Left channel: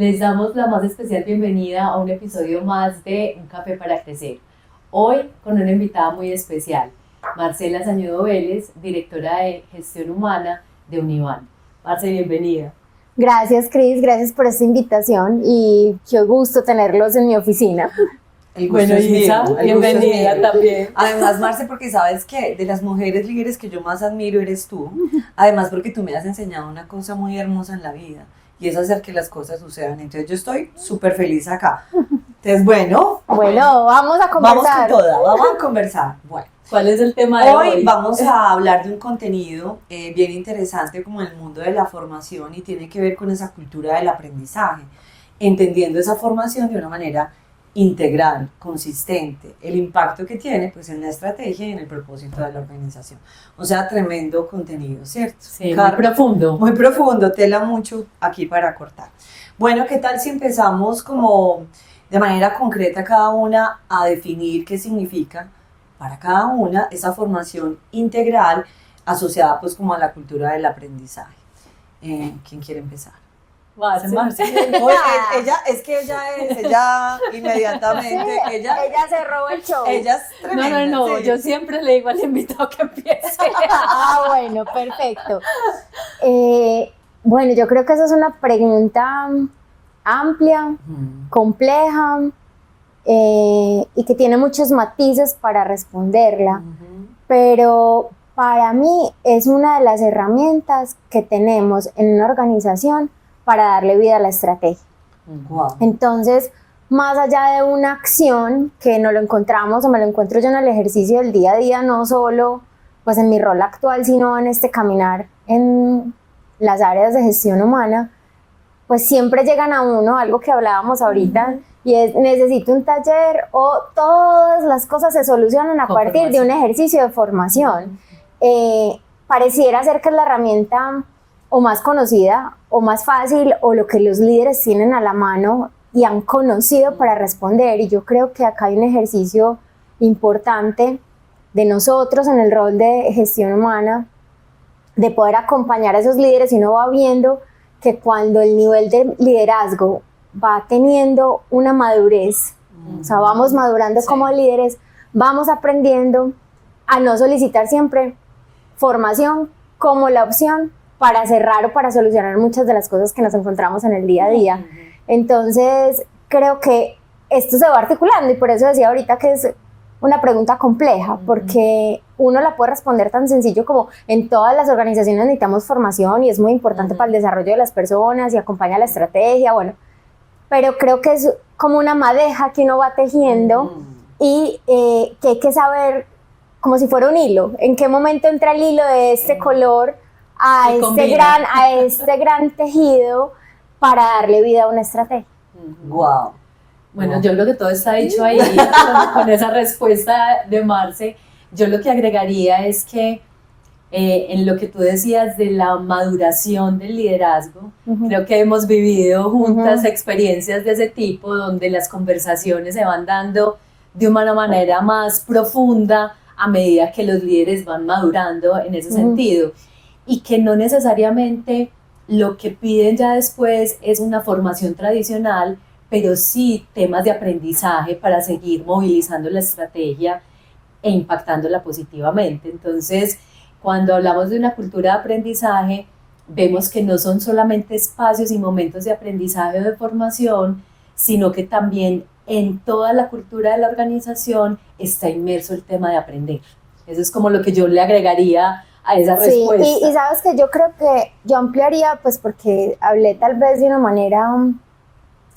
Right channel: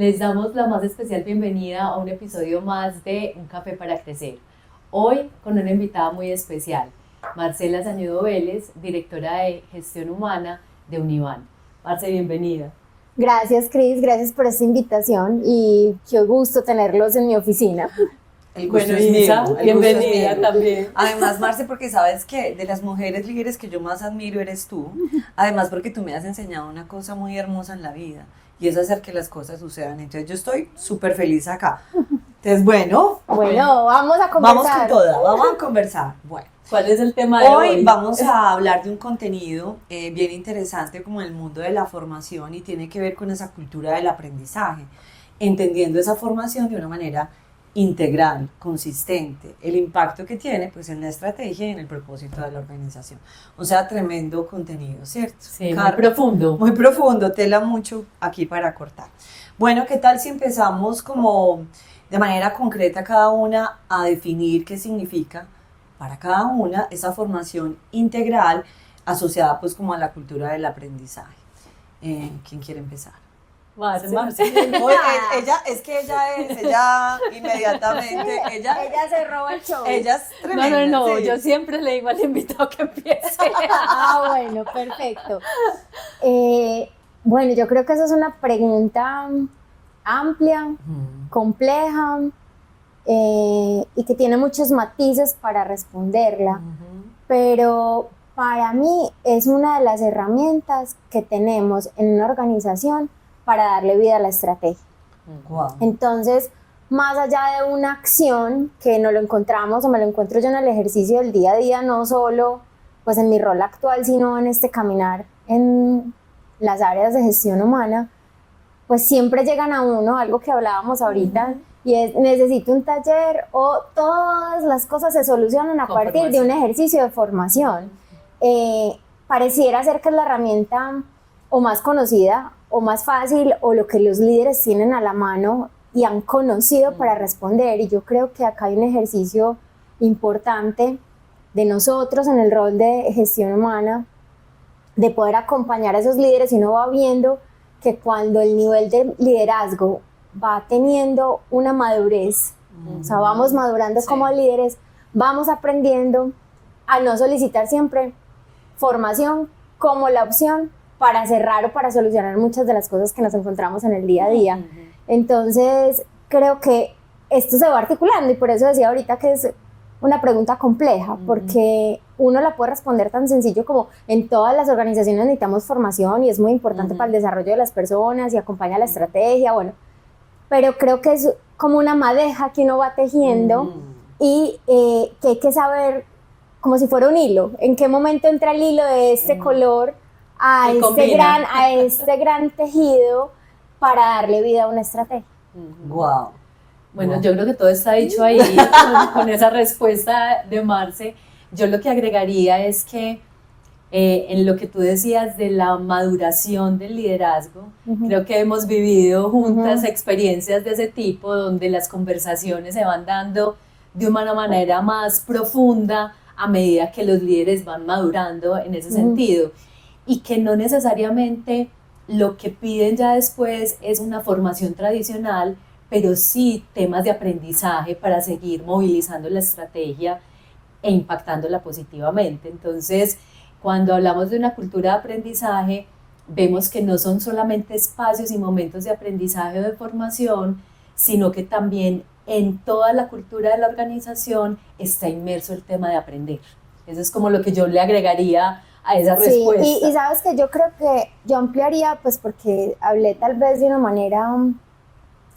Les damos la más especial bienvenida a un episodio más de Un Café para Crecer. Hoy con una invitada muy especial, Marcela Sañudo Vélez, directora de Gestión Humana de Univan. Marce, bienvenida. Gracias, Cris, gracias por esta invitación y qué gusto tenerlos en mi oficina. El gusto Bueno, es Isa, mío, el bienvenida gusto es mío. también. Además, Marce, porque sabes que de las mujeres líderes que yo más admiro eres tú. Además, porque tú me has enseñado una cosa muy hermosa en la vida y es hacer que las cosas sucedan. Entonces, yo estoy súper feliz acá. Entonces, bueno, Vamos a conversar. vamos con toda, vamos a conversar. Bueno, ¿Cuál es el tema de hoy hoy? vamos a hablar de un contenido bien interesante como el mundo de la formación y tiene que ver con esa cultura del aprendizaje, entendiendo esa formación de una manera integral, consistente, el impacto que tiene pues en la estrategia y en el propósito de la organización. O sea, tremendo contenido, ¿cierto? Sí, muy profundo. Muy profundo, tela mucho aquí para cortar. Bueno, ¿qué tal si empezamos como de manera concreta cada una a definir qué significa para cada una esa formación integral asociada pues como a la cultura del aprendizaje? ¿Quién quiere empezar? Marce. Oye, ella inmediatamente, ella se robó el show. es tremenda. No, sí. yo siempre le digo al invitado que empiece. Bueno, perfecto. Bueno, yo creo que esa es una pregunta amplia, compleja y que tiene muchos matices para responderla, pero para mí es una de las herramientas que tenemos en una organización para darle vida a la estrategia. Wow. Entonces, más allá de una acción que nos lo encontramos o me lo encuentro yo en el ejercicio del día a día, no solo pues en mi rol actual, sino en este caminar en las áreas de gestión humana, pues siempre llegan a uno, algo que hablábamos ahorita, y es necesito un taller o todas las cosas se solucionan a partir de un ejercicio de formación. Pareciera ser que es la herramienta o más conocida o más fácil o lo que los líderes tienen a la mano y han conocido para responder, y yo creo que acá hay un ejercicio importante de nosotros en el rol de gestión humana de poder acompañar a esos líderes, y uno va viendo que cuando el nivel de liderazgo va teniendo una madurez, o sea, vamos madurando como líderes, vamos aprendiendo a no solicitar siempre formación como la opción para cerrar o para solucionar muchas de las cosas que nos encontramos en el día a día. Entonces, creo que esto se va articulando y por eso decía ahorita que es una pregunta compleja, porque uno la puede responder tan sencillo como en todas las organizaciones necesitamos formación y es muy importante para el desarrollo de las personas y acompaña la estrategia, bueno, pero creo que es como una madeja que uno va tejiendo y que hay que saber como si fuera un hilo, en qué momento entra el hilo de este color a este gran tejido para darle vida a una estrategia. Wow. Bueno, yo creo que todo está dicho ahí con esa respuesta de Marce. Yo lo que agregaría es que en lo que tú decías de la maduración del liderazgo, creo que hemos vivido juntas experiencias de ese tipo, donde las conversaciones se van dando de una manera más profunda a medida que los líderes van madurando en ese sentido, y que no necesariamente lo que piden ya después es una formación tradicional, pero sí temas de aprendizaje para seguir movilizando la estrategia e impactándola positivamente. Entonces, cuando hablamos de una cultura de aprendizaje, vemos que no son solamente espacios y momentos de aprendizaje o de formación, sino que también en toda la cultura de la organización está inmerso el tema de aprender. Eso es como lo que yo le agregaría a esa respuesta. Y sabes que yo creo que yo ampliaría, pues porque hablé tal vez de una manera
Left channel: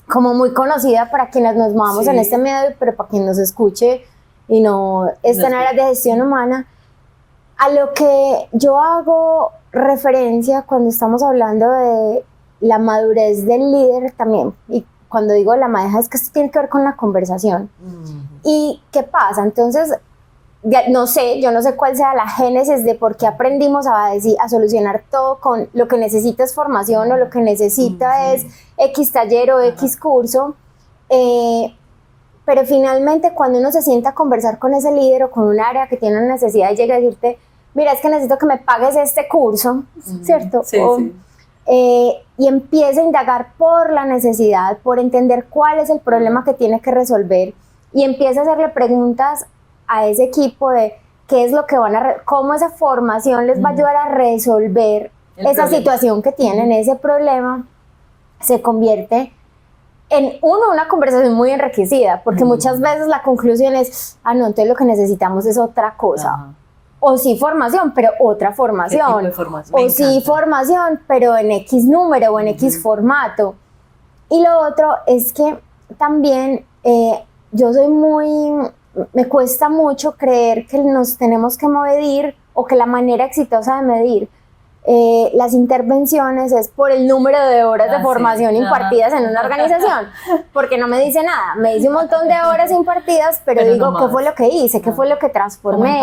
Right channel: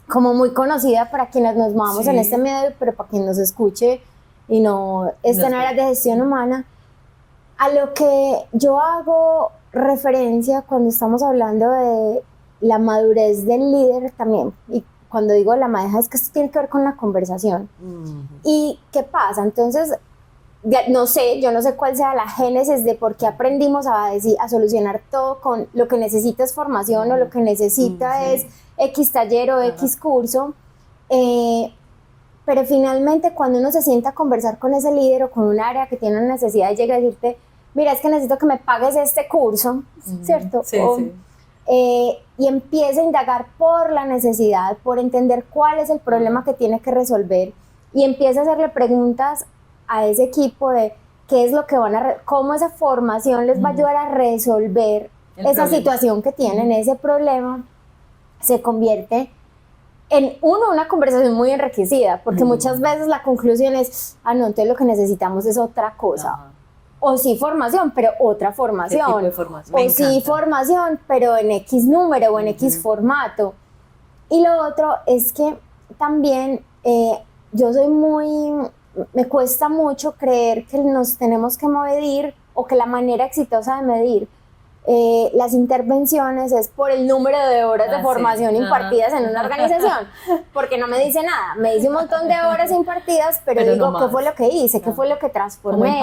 como muy conocida para quienes nos movamos en este medio, pero para quien nos escuche y no esté en áreas de gestión humana, a lo que yo hago referencia cuando estamos hablando de la madurez del líder también, y cuando digo la madeja es que esto tiene que ver con la conversación. ¿Y qué pasa? Entonces, yo no sé cuál sea la génesis de por qué aprendimos a solucionar todo con lo que necesita es formación o lo que necesita es X taller o X curso, pero finalmente cuando uno se sienta a conversar con ese líder o con un área que tiene una necesidad y llega a decirte, mira, es que necesito que me pagues este curso, ¿cierto? y empieza a indagar por la necesidad, por entender cuál es el problema que tiene que resolver y empieza a hacerle preguntas a ese equipo de qué es lo que van a, cómo esa formación les va a ayudar a resolver esa situación que tienen, ese problema, se convierte en una conversación muy enriquecida, porque muchas veces la conclusión es, no, entonces lo que necesitamos es otra cosa. O sí formación, pero otra formación. ¿Qué tipo de formación? O sí formación, pero en X número o en X formato. Y lo otro es que también yo soy me cuesta mucho creer que nos tenemos que medir o que la manera exitosa de medir las intervenciones es por el número de horas de formación impartidas en una organización, porque no me dice nada, me dice un montón de horas impartidas, pero digo, no ¿qué fue lo que hice? ¿Qué fue lo que transformé?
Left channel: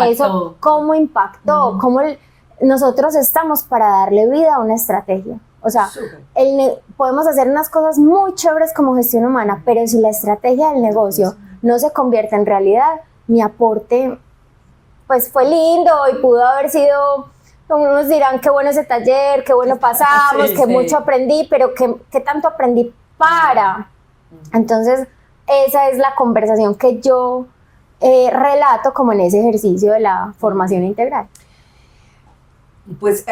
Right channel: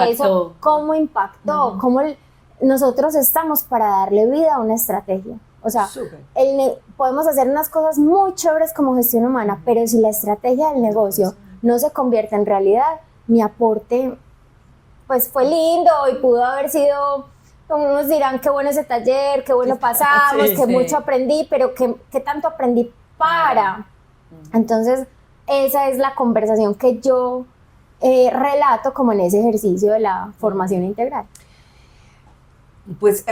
¿Cómo impactó? Eso, ¿cómo impactó? Nosotros estamos para darle vida a una estrategia. O sea, podemos hacer unas cosas muy chéveres como gestión humana, pero si la estrategia del negocio no se convierte en realidad, mi aporte pues fue lindo y pudo haber sido, unos dirán qué bueno ese taller, qué bueno pasamos, que mucho aprendí, pero qué tanto aprendí para. Entonces esa es la conversación que yo relato como en ese ejercicio de la formación integral. Pues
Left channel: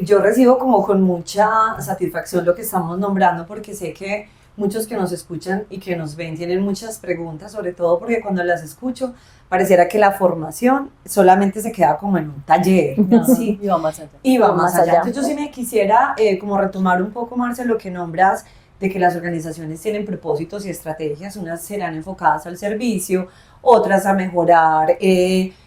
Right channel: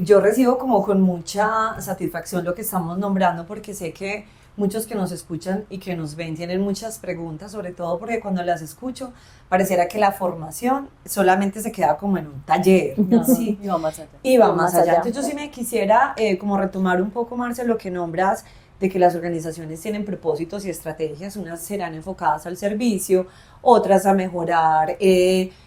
yo recibo como con mucha satisfacción lo que estamos nombrando, porque sé que muchos que nos escuchan y que nos ven tienen muchas preguntas, sobre todo porque cuando las escucho pareciera que la formación solamente se queda como en un taller, ¿sí? Y va más allá. Y va más allá. Entonces yo sí me quisiera como retomar un poco, Marce, lo que nombras de que las organizaciones tienen propósitos y estrategias, unas serán enfocadas al servicio, otras a mejorar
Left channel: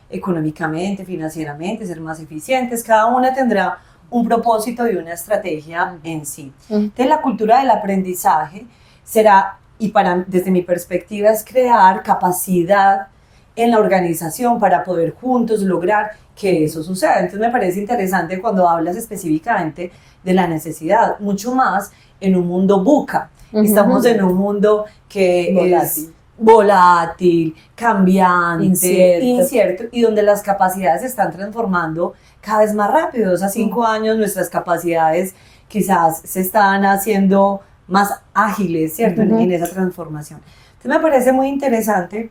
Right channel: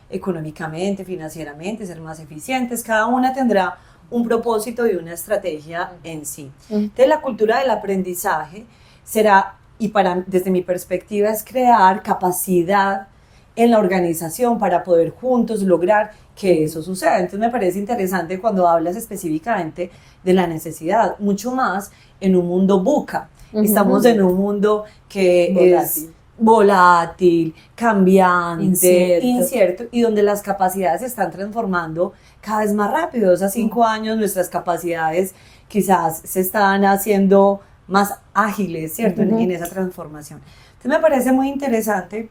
económicamente, financieramente, ser más eficientes, cada una tendrá un propósito y una estrategia en sí. Entonces la cultura del aprendizaje será, y desde mi perspectiva es crear capacidad en la organización para poder juntos lograr que eso suceda. Entonces me parece interesante cuando hablas específicamente de la necesidad, mucho más en un mundo VUCA. Estamos en un mundo que es volátil, cambiante, incierto, y donde las capacidades se están transformando cada vez más rápido. O sea, 5 años nuestras capacidades quizás se están haciendo más ágiles, ¿cierto? En esa transformación. Entonces me parece muy interesante,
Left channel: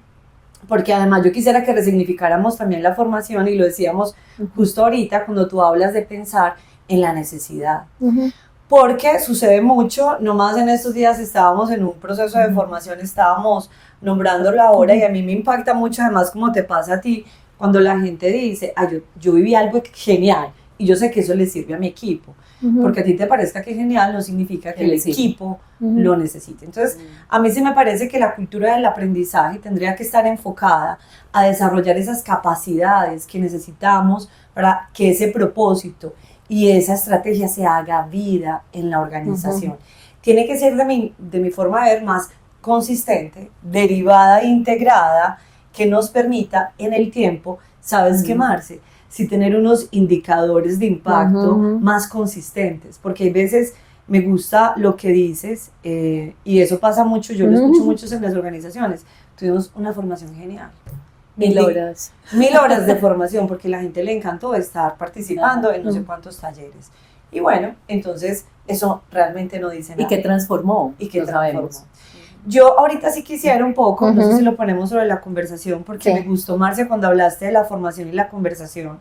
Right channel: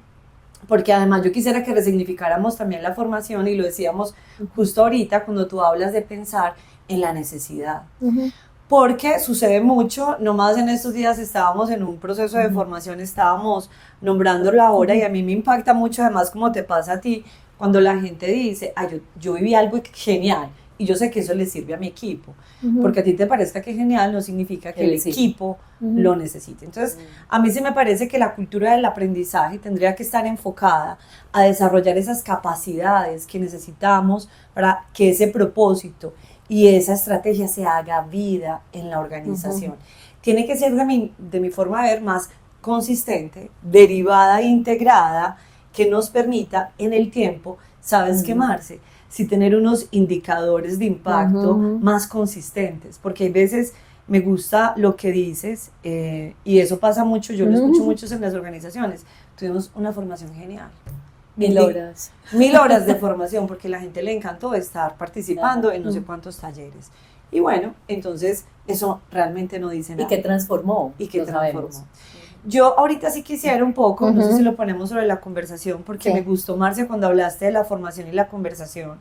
porque además yo quisiera que resignificáramos también la formación, y lo decíamos justo ahorita cuando tú hablas de pensar en la necesidad. Porque sucede mucho, nomás en estos días estábamos en un proceso de formación, estábamos nombrándolo ahora, y a mí me impacta mucho, además como te pasa a ti, cuando la gente dice, yo viví algo genial, y yo sé que eso le sirve a mi equipo, porque a ti te parezca que es genial no significa que el equipo lo necesite. Entonces, a mí sí me parece que la cultura del aprendizaje tendría que estar enfocada a desarrollar esas capacidades que necesitamos para que ese propósito y esa estrategia se haga vida en la organización. Tiene que ser de mi forma de ver más consistente, derivada e integrada, que nos permita en el tiempo, ¿sabes qué, Marce? Sí, tener unos indicadores de impacto más consistentes, porque hay veces me gusta lo que dices, y eso pasa mucho, yo lo escucho mucho en las organizaciones. Tuvimos una formación genial. 1000 horas. 1000 horas de formación, porque a la gente le encantó estar participando en no sé cuántos talleres. Y bueno, entonces eso realmente no dice nada. ¿Y qué transformó? ¿Y qué transformó? Yo ahorita sí quisiera un poco, no sé si lo ponemos sobre la conversación, porque me gustó, Marce, cuando hablaste de la formación y la conversación,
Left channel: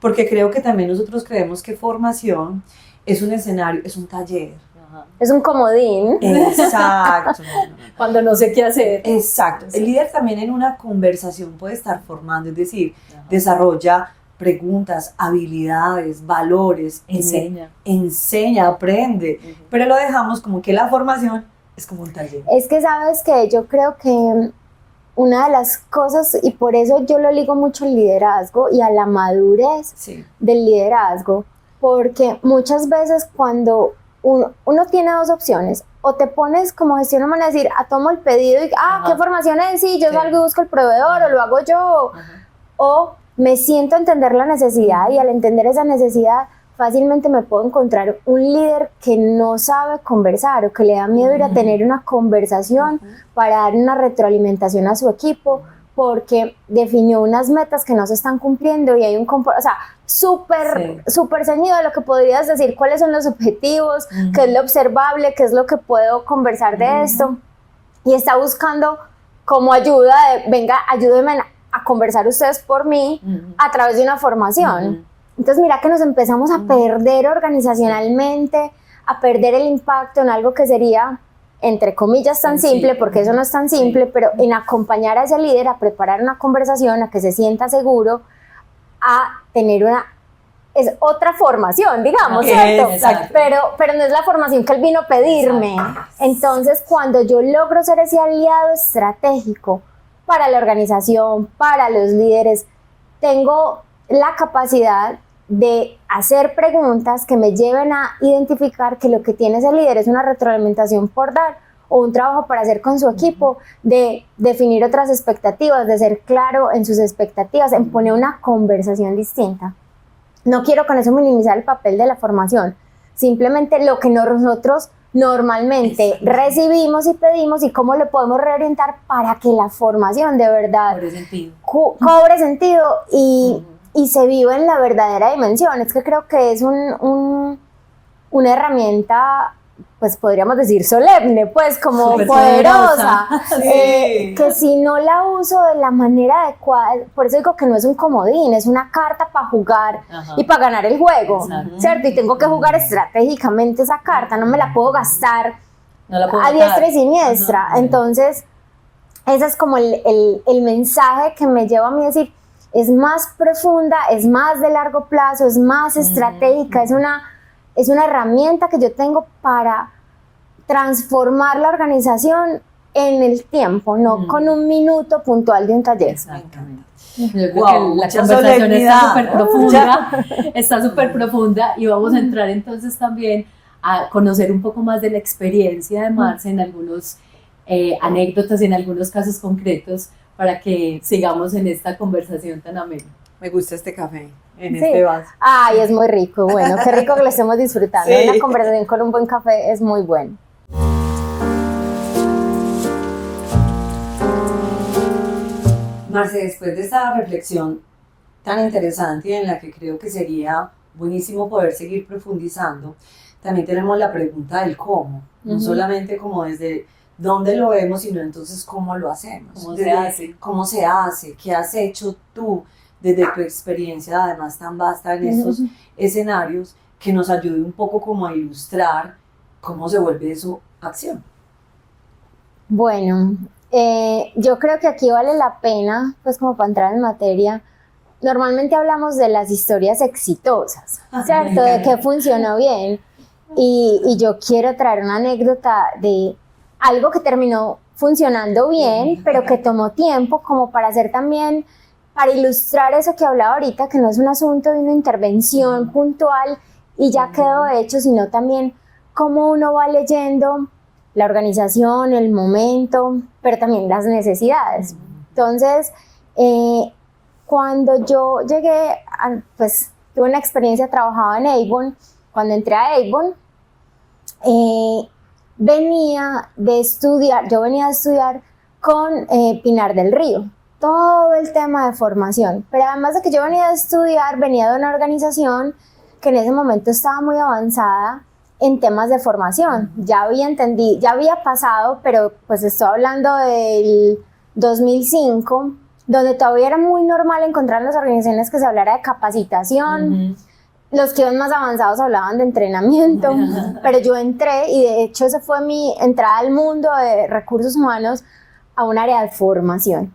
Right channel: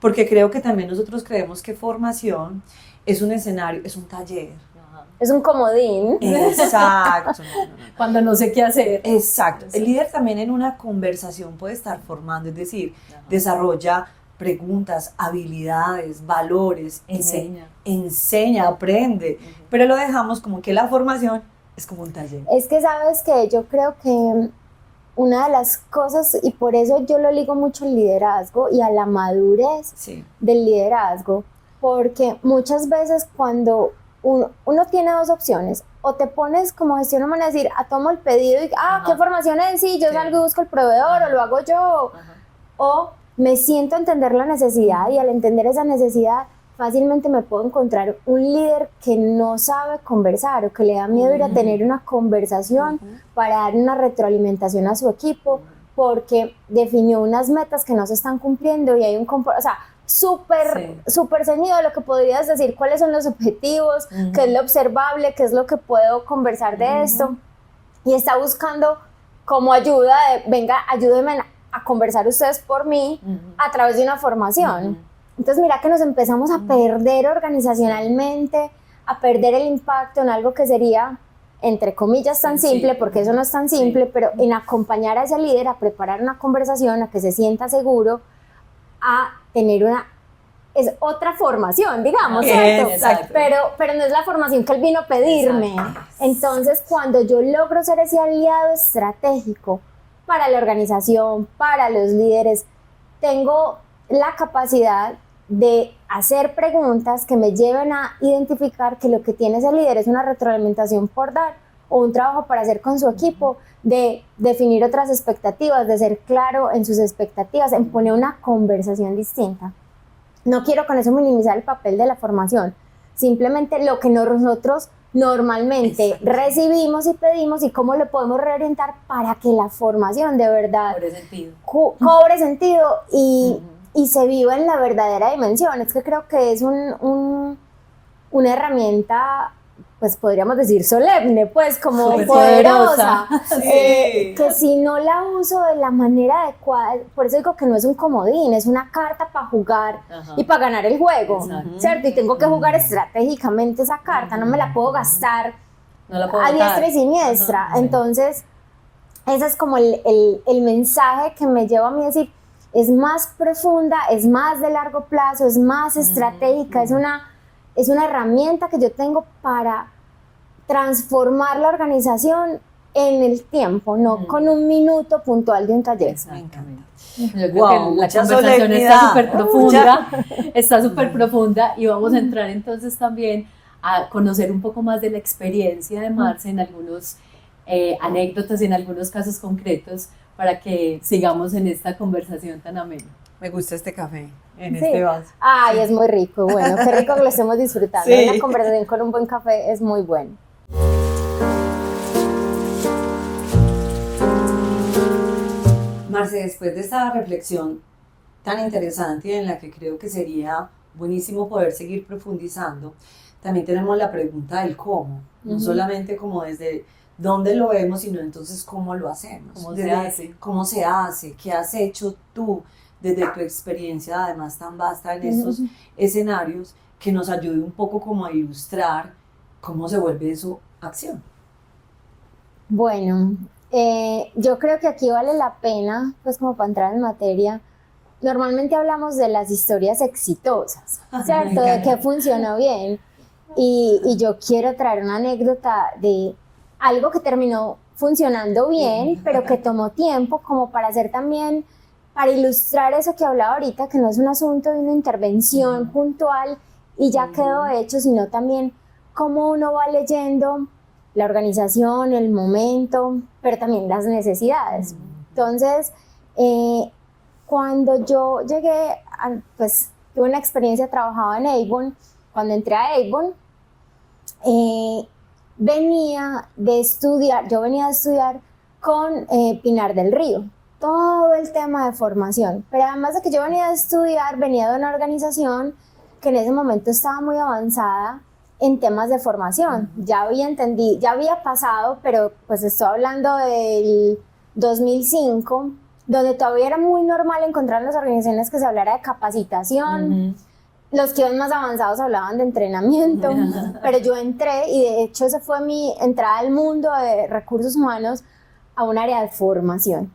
porque creo que también nosotros creemos que formación es un escenario, es un taller. Es un comodín. Exacto. Cuando no sé qué hacer. Exacto. El líder también en una conversación puede estar formando, es decir, desarrolla preguntas, habilidades, valores, enseña, aprende, pero lo dejamos como que la formación es como un taller. Es que sabes que yo creo que una de las cosas, y por eso yo lo ligo mucho al liderazgo y a la madurez del liderazgo, porque muchas veces cuando uno tiene dos opciones, o te pones como gestión humana a decir, tomo el pedido y, ¿qué formación es? Sí, yo salgo y busco el proveedor, o lo hago yo, o me siento a entender la necesidad, y al entender esa necesidad, fácilmente me puedo encontrar un líder que no sabe conversar, o que le da miedo ir a tener una conversación para dar una retroalimentación a su equipo, porque definió unas metas que no se están cumpliendo y hay un o sea, súper ceñido de lo que podrías decir, cuáles son los objetivos, qué es lo observable, qué es lo que puedo conversar de esto, y está buscando como ayuda de, venga, ayúdenme a conversar ustedes por mí a través de una formación. Entonces mira que nos empezamos a perder organizacionalmente, a perder el impacto en algo que sería, entre comillas, tan simple, porque eso no es tan simple, pero en acompañar a ese líder a preparar una conversación, a que se sienta seguro, a tener es otra formación, digamos, ¿cierto? Exacto. Pero no es la formación que él vino a pedirme. Exacto. Entonces, cuando yo logro ser ese aliado estratégico para la organización, para los líderes, tengo la capacidad de hacer preguntas que me lleven a identificar que lo que tiene ese líder es una retroalimentación por dar o un trabajo para hacer con su equipo, de definir otras expectativas, de ser claro en sus expectativas, en poner una conversación distinta. No quiero con eso minimizar el papel de la formación, simplemente lo que nosotros normalmente recibimos y pedimos y cómo lo podemos reorientar para que la formación de verdad cobre sentido y se viva en la verdadera dimensión. Es que creo que es una herramienta, pues podríamos decir solemne, pues como poderosa, que si no la uso de la manera adecuada, por eso digo que no es un comodín, es una carta para jugar y para ganar el juego, ¿cierto? Y tengo que jugar estratégicamente esa carta, no me la puedo gastar a diestra y siniestra. Entonces ese es como el mensaje que me lleva a mí a decir, es más profunda, es más de largo plazo, es más estratégica, es una herramienta que yo tengo para transformar la organización en el tiempo, no con un minuto puntual de un taller. Exactamente. Yo creo que la conversación está súper profunda y vamos a entrar entonces también a conocer un poco más de la experiencia de Marce en algunos anécdotas, en algunos casos concretos, para que sigamos en esta conversación tan amena. Me gusta este café en este vaso. Ay, es muy rico. Bueno, qué rico que lo estemos disfrutando. Una conversación con un buen café es muy bueno. Marce, después de esta reflexión tan interesante en la que creo que sería buenísimo poder seguir profundizando, también tenemos la pregunta del cómo, no solamente como desde dónde lo vemos, sino entonces cómo lo hacemos, cómo se hace, qué has hecho tú desde tu experiencia además tan vasta en estos escenarios, que nos ayude un poco como a ilustrar cómo se vuelve eso acción. Bueno, yo creo que aquí vale la pena, pues como para entrar en materia, normalmente hablamos de las historias exitosas, ¿cierto? De que funcionó bien, y yo quiero traer una anécdota de algo que terminó funcionando bien, pero que tomó tiempo como para hacer también, para ilustrar eso que hablaba ahorita, que no es un asunto de una intervención puntual y ya quedó hecho, sino también cómo uno va leyendo la organización, el momento, pero también las necesidades. Entonces, cuando yo llegué, pues tuve una experiencia, trabajaba en Avon. Cuando entré a Avon, venía de estudiar con Pinar del Río, todo el tema de formación, pero además de que yo venía de estudiar, venía de una organización que en ese momento estaba muy avanzada en temas de formación. Ya había pasado, pero pues estoy hablando del 2005, donde todavía era muy normal encontrar en las organizaciones que se hablara de capacitación. Los que iban más avanzados hablaban de entrenamiento, pero yo entré, y de hecho esa fue mi entrada al mundo de recursos humanos, a un área de formación.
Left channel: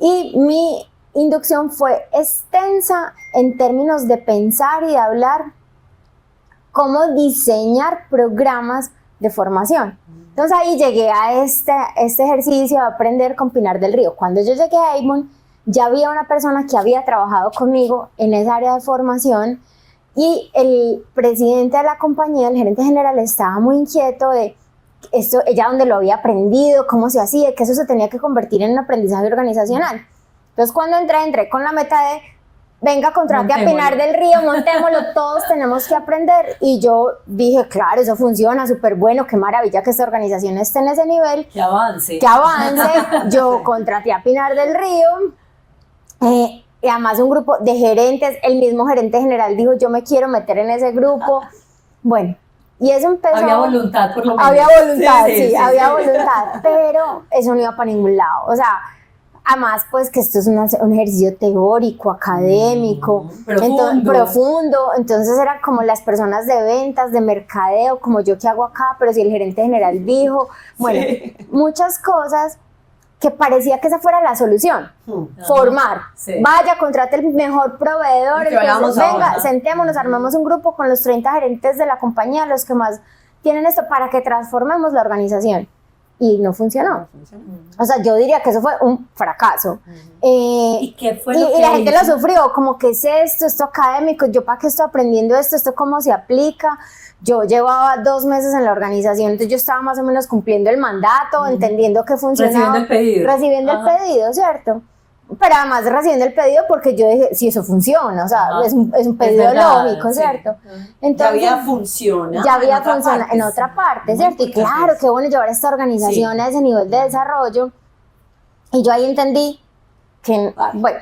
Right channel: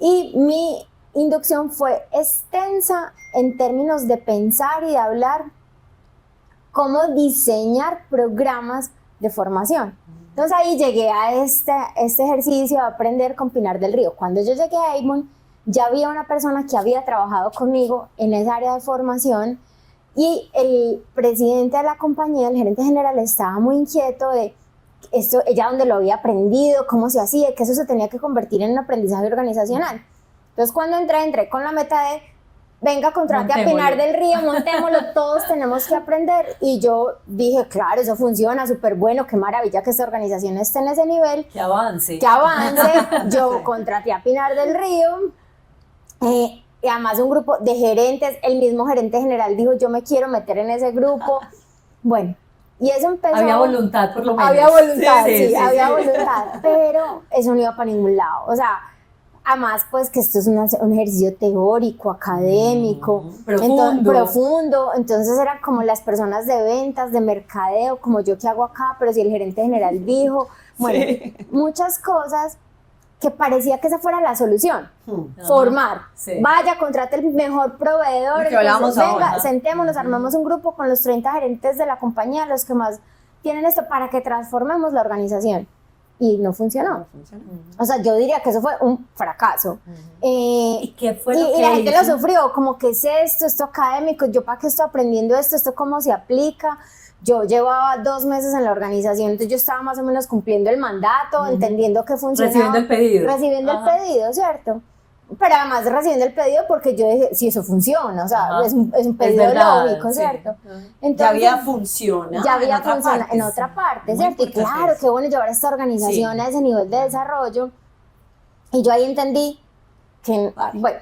Y mi inducción fue extensa en términos de pensar y de hablar cómo diseñar programas de formación. Entonces ahí llegué a este ejercicio de aprender con Pinar del Río. Cuando yo llegué a Avon, ya había una persona que había trabajado conmigo en esa área de formación, y el presidente de la compañía, el gerente general, estaba muy inquieto de esto, ella dónde lo había aprendido, cómo se hacía, que eso se tenía que convertir en un aprendizaje organizacional. Entonces cuando entré con la meta de venga, contrate a Montémoslo. Pinar del Río, montémoslo, todos tenemos que aprender. Y yo dije, claro, eso funciona, súper bueno, qué maravilla que esta organización esté en ese nivel, Que avance. que avance. Yo contraté a Pinar del Río, y además un grupo de gerentes, el mismo gerente general dijo, yo me quiero meter en ese grupo. Bueno, y eso empezó. Había voluntad, por lo menos. Había voluntad, Sí, sí, sí, había sí. voluntad, pero eso no iba para ningún lado. O sea, además, pues que esto es un ejercicio teórico, académico, Profundo. profundo. Entonces eran como las personas de ventas, de mercadeo, como yo que hago acá, pero si el gerente general dijo, bueno, muchas cosas que parecía que esa fuera la solución. Ajá. Formar, Sí. vaya, contrate el mejor proveedor, Lo que hablábamos venga, ahora. sentémonos, armamos un grupo con los 30 gerentes de la compañía, los que más tienen esto, para que transformemos la organización. Y no funcionó. O sea, yo diría que eso fue un fracaso. ¿Y qué fue lo Y que la gente hizo? lo sufrió, como que es esto académico, yo para qué estoy aprendiendo esto cómo se aplica. Yo llevaba 2 meses en la organización, entonces yo estaba más o menos cumpliendo el mandato, entendiendo que funcionaba. Recibiendo el pedido. Recibiendo Ajá. el pedido, ¿cierto? Pero además recibiendo el pedido porque yo dije, sí, eso funciona, o sea, Ajá. es un pedido verdad, lógico, sí. ¿cierto? Ajá. Entonces, Ya había funcionado ya había en otra funcionado parte. en otra parte, Muy ¿cierto? Y importante claro, eso. qué bueno llevar esta organización Sí. a ese nivel de desarrollo. Y yo ahí entendí que, Vale. bueno,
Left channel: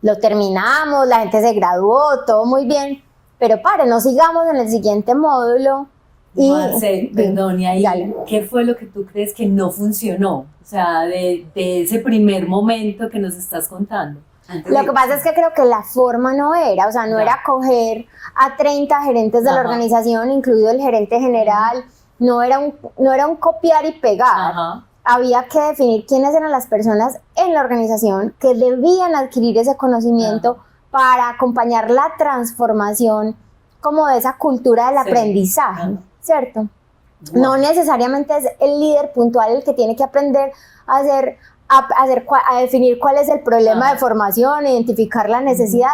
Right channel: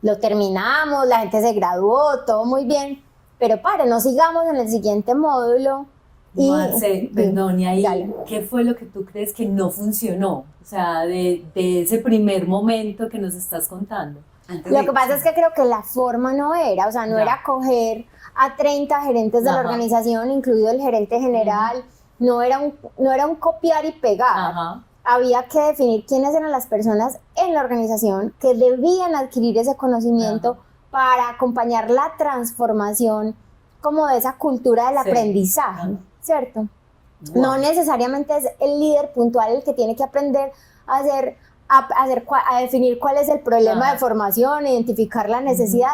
lo terminamos, la gente se graduó, todo muy bien, pero no sigamos en el siguiente módulo. Marce, perdón, y ahí, Dale. ¿qué fue lo que tú crees que no funcionó? O sea, de ese primer momento que nos estás contando. Antes Lo de- que pasa es que creo que la forma no era, o sea, no Ya. era coger a 30 gerentes de la Ajá. organización, incluido el gerente general, no era un copiar y pegar. Ajá. Había que definir quiénes eran las personas en la organización que debían adquirir ese conocimiento para acompañar la transformación como de esa cultura del Sí. aprendizaje, Ajá. ¿cierto? Wow. No necesariamente es el líder puntual el que tiene que aprender a definir cuál es el problema Ajá. de formación, identificar la necesidad.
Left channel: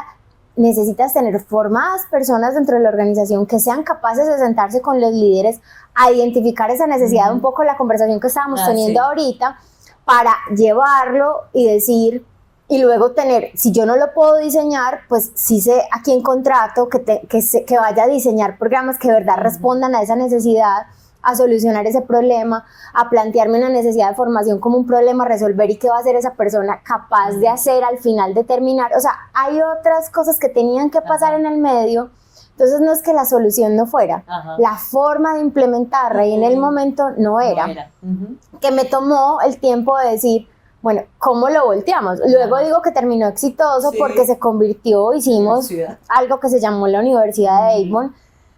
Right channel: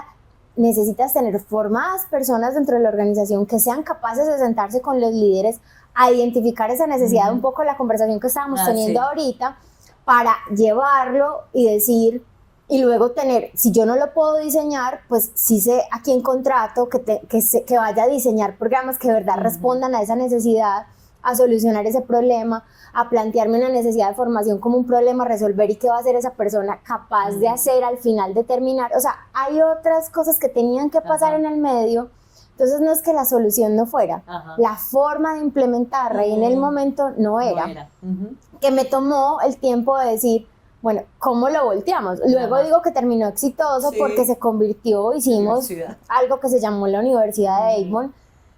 Necesitas tener formadas personas dentro de la organización que sean capaces de sentarse con los líderes a identificar esa necesidad, Ujú. un poco la conversación que estábamos Ah, teniendo sí. ahorita, para llevarlo y decir, y luego tener, si yo no lo puedo diseñar, pues sí sé a quién contrato que vaya a diseñar programas que de verdad respondan a esa necesidad, a solucionar ese problema, a plantearme una necesidad de formación como un problema a resolver y qué va a ser esa persona capaz de hacer al final de terminar. O sea, hay otras cosas que tenían que pasar Ajá. en el medio, entonces no es que la solución no fuera, Ajá. la forma de implementarla y en el momento no era. No era. Ujú. Que me tomó el tiempo de decir, bueno, ¿cómo lo volteamos? Luego Ajá. digo que terminó exitoso Sí. porque se convirtió, hicimos Universidad. algo que se llamó la Universidad de Avon,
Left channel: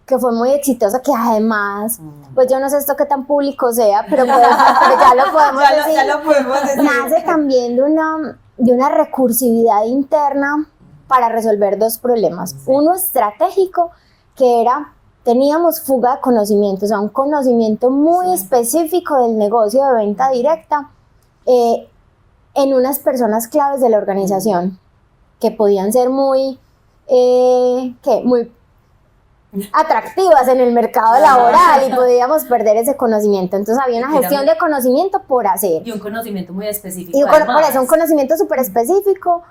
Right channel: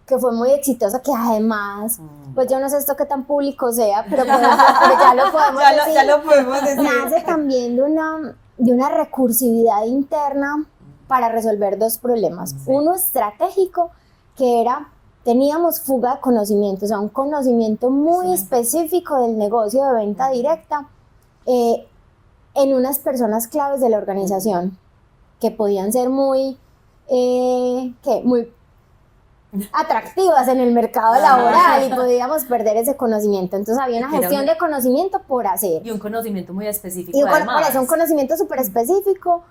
que fue muy exitosa, que además, pues yo no sé esto qué tan público sea, pero pues, ya lo podemos decir. Ya lo podemos decir. Nace también de una recursividad interna para resolver 2 problemas. Uno estratégico, que era, teníamos fuga de conocimiento, o sea, un conocimiento muy específico del negocio de venta directa en unas personas claves de la organización, que podían ser muy atractivas en el mercado laboral y podíamos perder ese conocimiento. Entonces había una Y que era gestión de conocimiento por hacer. Y un conocimiento muy específico. Y además. por eso un conocimiento súper específico,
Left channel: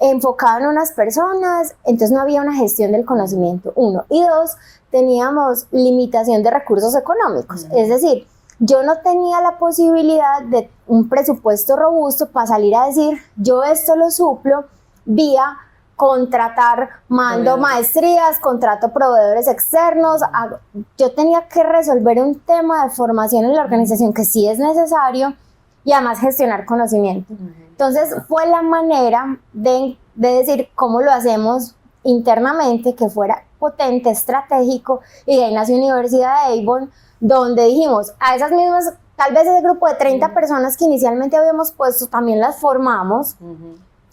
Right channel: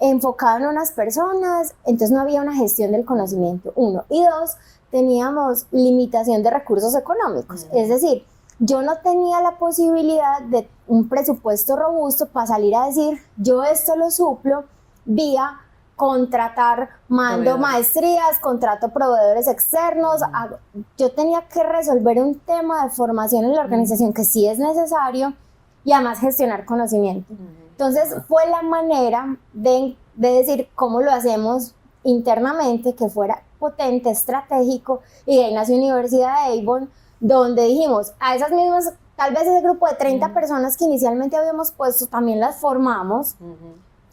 enfocado en unas personas, entonces no había una gestión del conocimiento, 1. Y 2, teníamos limitación de recursos económicos. Es decir, yo no tenía la posibilidad de un presupuesto robusto para salir a decir, yo esto lo suplo vía contratar, mando Proveedores. maestrías, contrato proveedores externos. Yo tenía que resolver un tema de formación en la organización que sí es necesario y además gestionar conocimiento. Entonces fue la manera de decir cómo lo hacemos internamente, que fuera potente, estratégico, y de ahí nació Universidad de Avon, donde dijimos a esas mismas, tal vez ese grupo de 30 personas que inicialmente habíamos puesto, también las formamos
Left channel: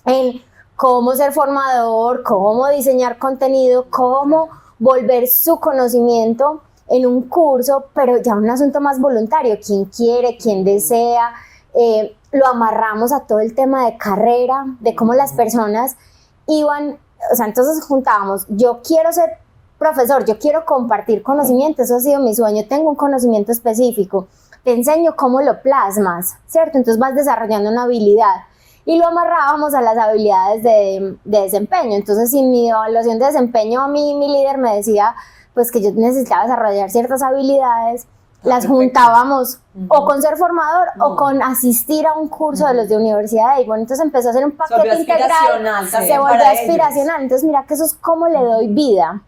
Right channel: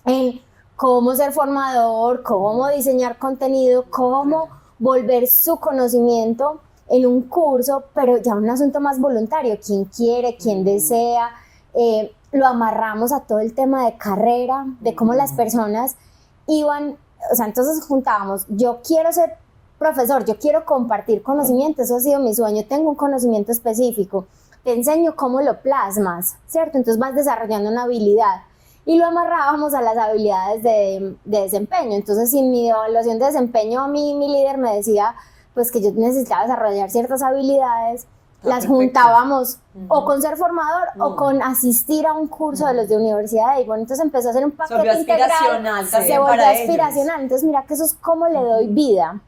en cómo ser formador, cómo diseñar contenido, cómo volver su conocimiento en un curso, pero ya un asunto más voluntario, quien quiere, quien desea. Lo amarramos a todo el tema de carrera, de cómo las personas iban, o sea, entonces juntábamos, yo quiero ser profesor, yo quiero compartir conocimiento, eso ha sido mi sueño, tengo un conocimiento específico, te enseño cómo lo plasmas, ¿cierto? Entonces vas desarrollando una habilidad. y lo amarrábamos a las habilidades de desempeño. Entonces, si en mi evaluación de desempeño a mí, mi líder me decía pues que yo necesitaba desarrollar ciertas habilidades, las juntábamos o con ser formador o con asistir a un curso de los de universidad. Y bueno, entonces empezó a ser un paquete integral, se volvió aspiracional. Entonces mira que eso es cómo le doy vida,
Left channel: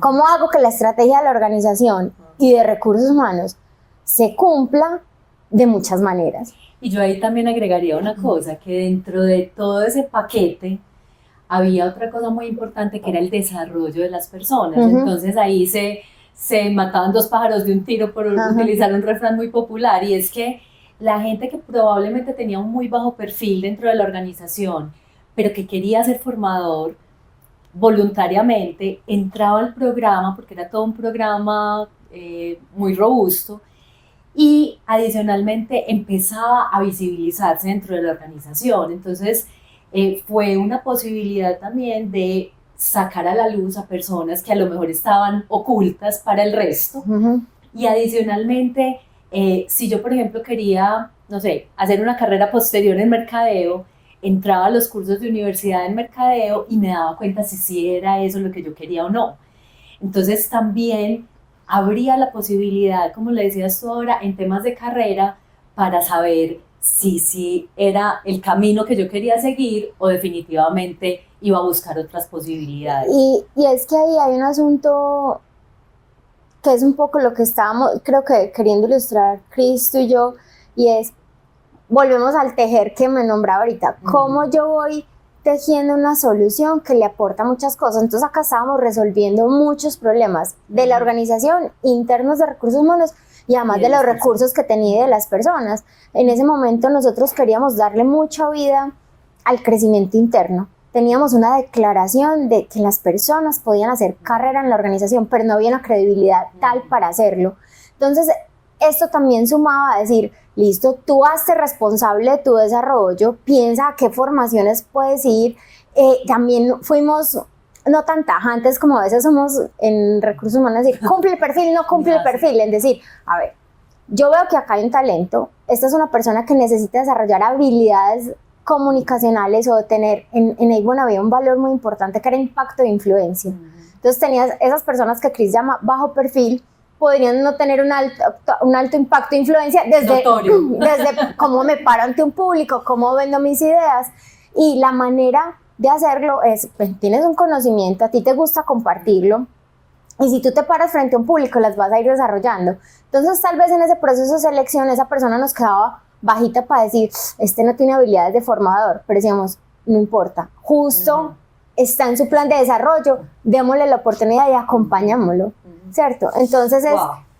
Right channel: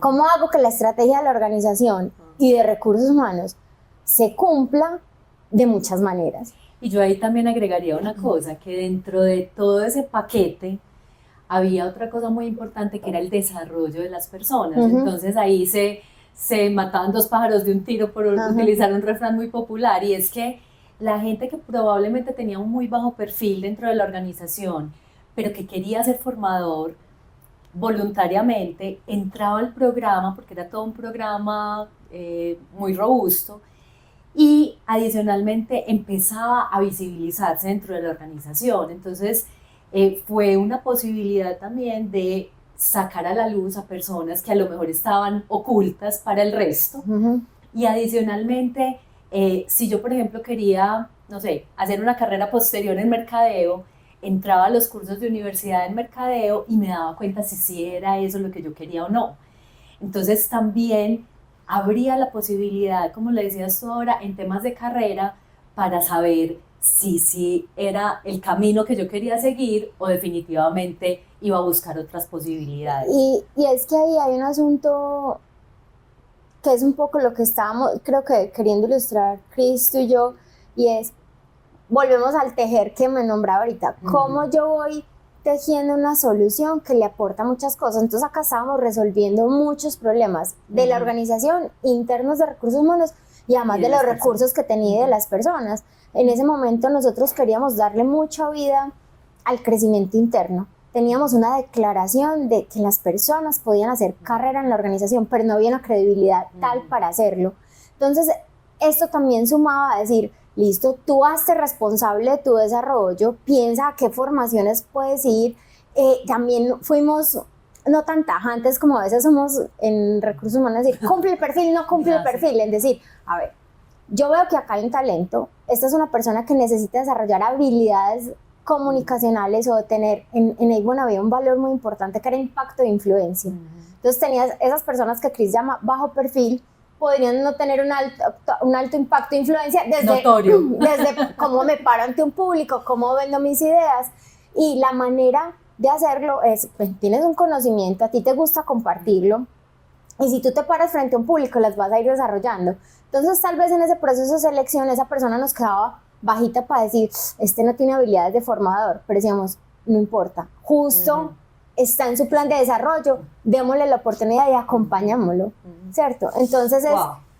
cómo hago que la estrategia de la organización y de recursos humanos se cumpla de muchas maneras. Y yo ahí también agregaría una cosa, que dentro de todo ese paquete había otra cosa muy importante que era el desarrollo de las personas. Entonces ahí se mataban dos pájaros de un tiro, por utilizar un refrán muy popular, y es que la gente que probablemente tenía un muy bajo perfil dentro de la organización, pero que quería ser formador, voluntariamente entraba al programa, porque era todo un programa muy robusto, y adicionalmente empezaba a visibilizarse dentro de la organización. Entonces fue una posibilidad también de sacar a la luz a personas que a lo mejor estaban ocultas para el resto. Y adicionalmente, si yo por ejemplo quería, no sé, hacer una carrera posterior en mercadeo, entraba a los cursos de universidad en mercadeo y me daba cuenta si era eso lo que yo quería o no. Entonces también habría la posibilidad, como le decías tú ahora, en temas de carrera, para saber si era el camino que yo quería seguir o definitivamente iba a buscar otras posibilidades. Y es que ahí hay un asunto que es un poco lo que estábamos, creo que queriendo ilustrar Cristo y yo, y es, volvemos al tejer que me nombraba ahorita, cómo yo voy tejiendo una solución que le aporta muchas cosas. Entonces acá estábamos resolviendo muchos problemas de la organización, internos de recursos humanos, y además de los recursos que tenía y de las personas. En ese momento nosotros queríamos darle mucha vida al crecimiento interno. Teníamos una declaración de que las personas podían hacer carrera en la organización, pero no había una credibilidad tal para hacerlo. Entonces, esto también sumaba a decir, listo, tú hazte responsable de tu desarrollo, piensa a qué formaciones puedes ir. También fuimos no tan tajantes como a veces somos en recursos humanos, decir, cumple el perfil, no cumple el perfil, es decir, a ver, yo veo que acá hay un talento, esta es una persona que necesita desarrollar habilidades comunicacionales o tener, en Avon había un valor muy importante que era impacto e influencia. Entonces tenías esas personas que Chris llama bajo perfil, podrían no tener un alto impacto e influencia desde cómo me paro ante un público, cómo vendo mis ideas, y la manera de hacerlo es, pues, tienes un conocimiento, a ti te gusta compartirlo, y si tú te paras frente a un público las vas a ir desarrollando. Entonces tal vez en ese proceso de selección esa persona nos quedaba bajita para decir, este no tiene habilidades de formador, pero decíamos, no importa, justo está en su plan de desarrollo, démosle la oportunidad y acompañámoslo, ¿cierto? Entonces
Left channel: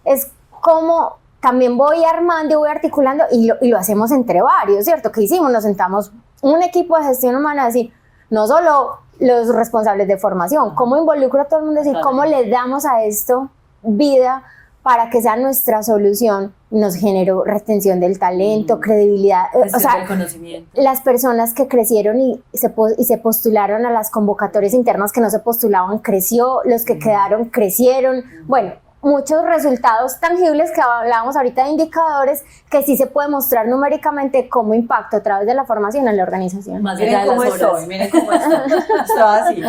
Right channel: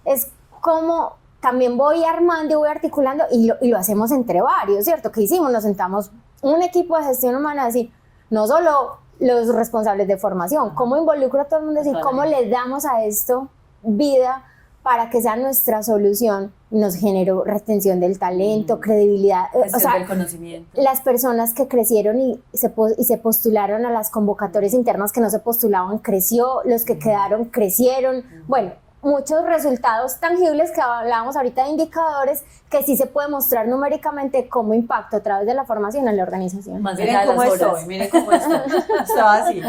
es como también voy armando y voy articulando y lo hacemos entre varios, ¿cierto? ¿Qué hicimos? Nos sentamos un equipo de gestión humana a decir, no solo los responsables de formación, cómo involucro a todo el mundo, decir, cómo le damos a esto vida para que sea nuestra solución, nos generó retención del talento, credibilidad, o sea, del conocimiento. Las personas que crecieron y se postularon a las convocatorias internas que no se postulaban, creció, los que quedaron, crecieron, bueno, muchos resultados tangibles que hablábamos ahorita de indicadores que sí se puede mostrar numéricamente como impacto a través de la formación en la organización. Más miren cómo estoy, miren cómo estoy, así.